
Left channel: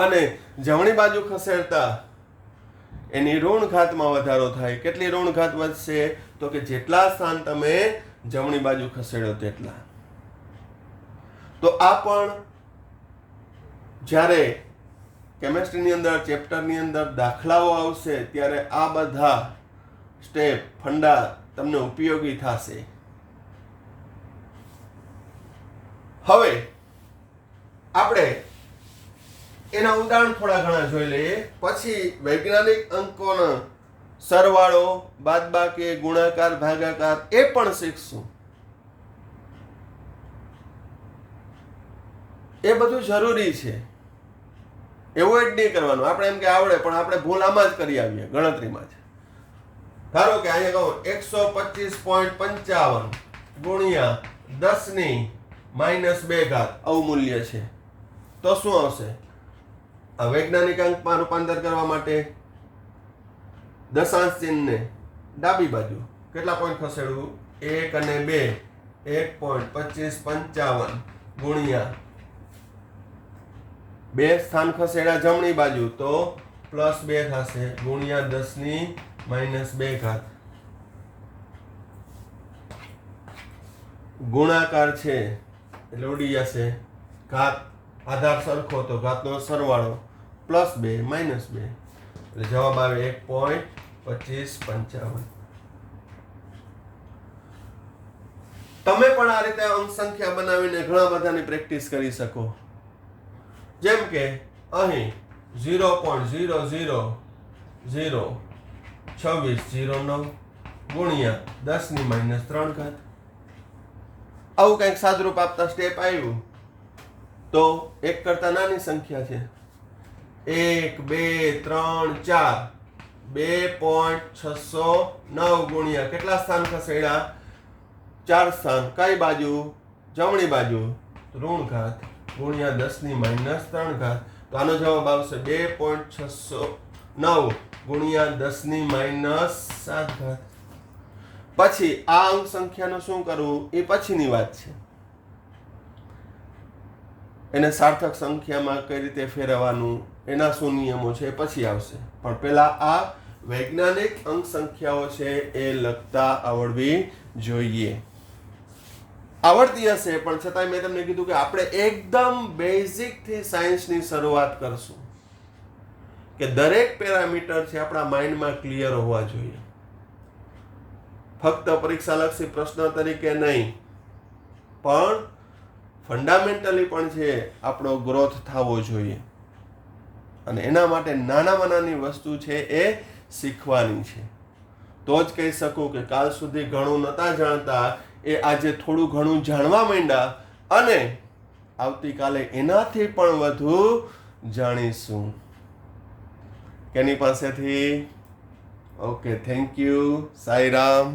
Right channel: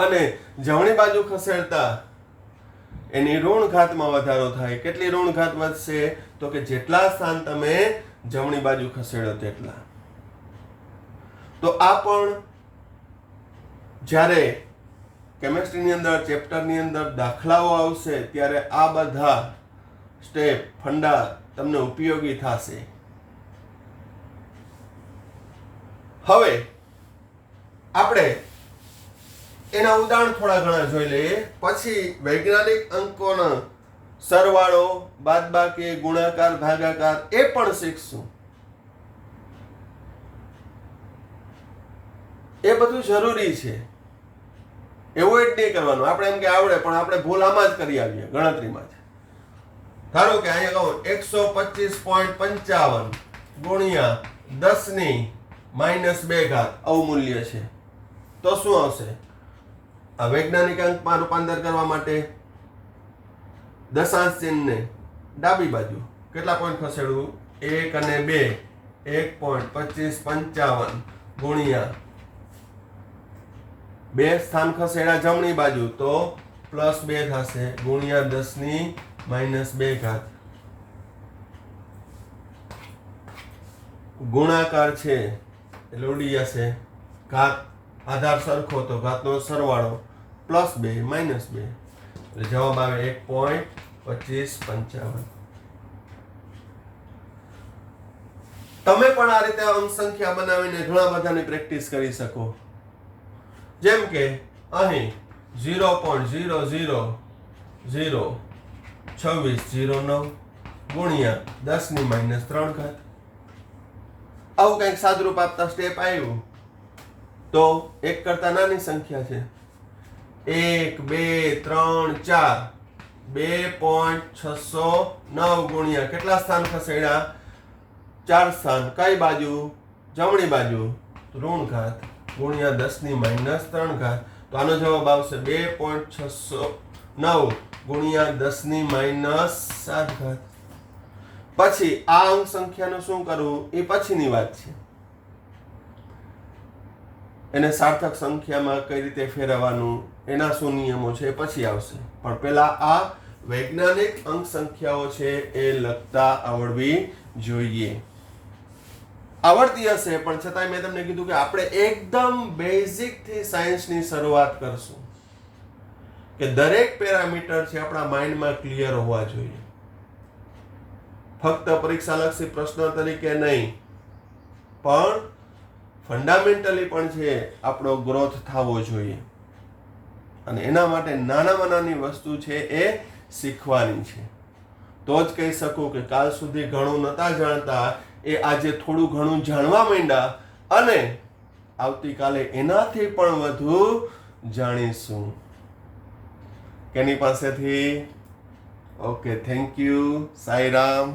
અને જમણી બાજુ ખસેડતા એની ઋણ ઘાતમાં વધારો થાય. કેટલી ઋણ ઘાત વધશે? તો કે જેટલા સ્થાન તમે જમણી બાજુ ખસેડો તેટલા. તો આ પણ જ્યારે કેમેસ્ટ્રીની અંદર ચેપ્ટરની અંદર દાખલાઓ આવશે ત્યારે આ બધા સ્ટેપ ફંડા તમને ઉપયોગી થશે. હવે આપણે એના ઉદાહરણ થોડા ઘણા જોઈ લઈએ, પછી વૈજ્ઞાનિક અંકોનો સરવાળો, બાદબાકી, ગુણાકાર, ભાગાકાર એ પણ શીખશું. એ બધું જરૂરી છે, એવોઇડ નહીં કરવાનું. આપણે એમ કે આવડે પણ આપણે ભૂલ આમાં જ કરી આવીએ, ગણતરીમાં જ. ધારો કે અહીંયા કહું 125.55 ગુણ્યા 10 ની -2 ઘાત અવમૂલ્ય છે, તો શું આવશે? આ વૈજ્ઞાનિક અંકમાં રૂપાંતર કરવા માટે દશાંશ ચિહ્નને ડાબી બાજુ કેટલા પોઈન્ટ ખસેડવું? 1 અને 2. 1.2555 ગુણ્યા 2 સ્થાન ખસેડ્યા જમણી બાજુ તો +2 થશે ગુણ્યા 10⁻2 ઘાત. ગુણાકાર છે એટલે ઉડી જશે ઘાત આધાર સરખો તો ઘાતનો સરવાળો +2 -2 એટલે જવાબ આવે 1.2555. તમે પણ આ રીતે અંક સંખ્યા બનાવીને ઘણા બધાની પ્રેક્ટિસ કરી શકો. જેમ કે અહીં 0.002609 ગુણ્યા 10⁻3 ઘાત. આવું કંઈક સાદુરૂપ આપતા સ્ટેપ આવ્યું તો એક કરતા નાની સંખ્યા છે 1 2 3 4 2.609 ગુણ્યા કેટલા સ્થાન ખસેડ્યા 4 સ્થાન કઈ બાજુ જમણી બાજુ ઋણ ઘાત ગુણ્યા 10⁻3 ઘાત. તો આનો જવાબ આવશે 2.609 ગુણ્યા 10⁻7 ઘાત. પછી આ અંક સંખ્યાનું શું કરવું એ પછીની વાત છે. એને સાર્થક સંખ્યામાં કઈ રીતે ફેરવવાનું એના શું નિયમો છે એ પછી આવશે. પણ પહેલા આ વૈજ્ઞાનિક અંક સંખ્યાઓ છે એ લખતા આવડવી જોઈએ. આવડતી હશે પણ છતાંય મેં તમને કીધું કે આપણે એકદમ બેઝિક થી સાયન્સની શરૂઆત કરશું કે દરેક પેરામીટર છે આપણા માઇન્ડમાં ક્લિયર હોવા જોઈએ. ફક્ત પરીક્ષાલક્ષી પ્રશ્ન તરીકે નહીં પણ ફંડામેન્ટલી પણ છે આપણો ગ્રોથ થવો જોઈએ. અને એના માટે નાનામાં નાની વસ્તુ છે એ શીખવાની છે. તો જ કહી શકું કે કાલ સુધી ઘણું નહોતા જાણતા એ આજે થોડું ઘણું જાણવા માંડ્યા અને આવતીકાલે એનાથી પણ વધુ જાણીશું. કેની પાસેથી? Okay, thank you. સાંઈરામ.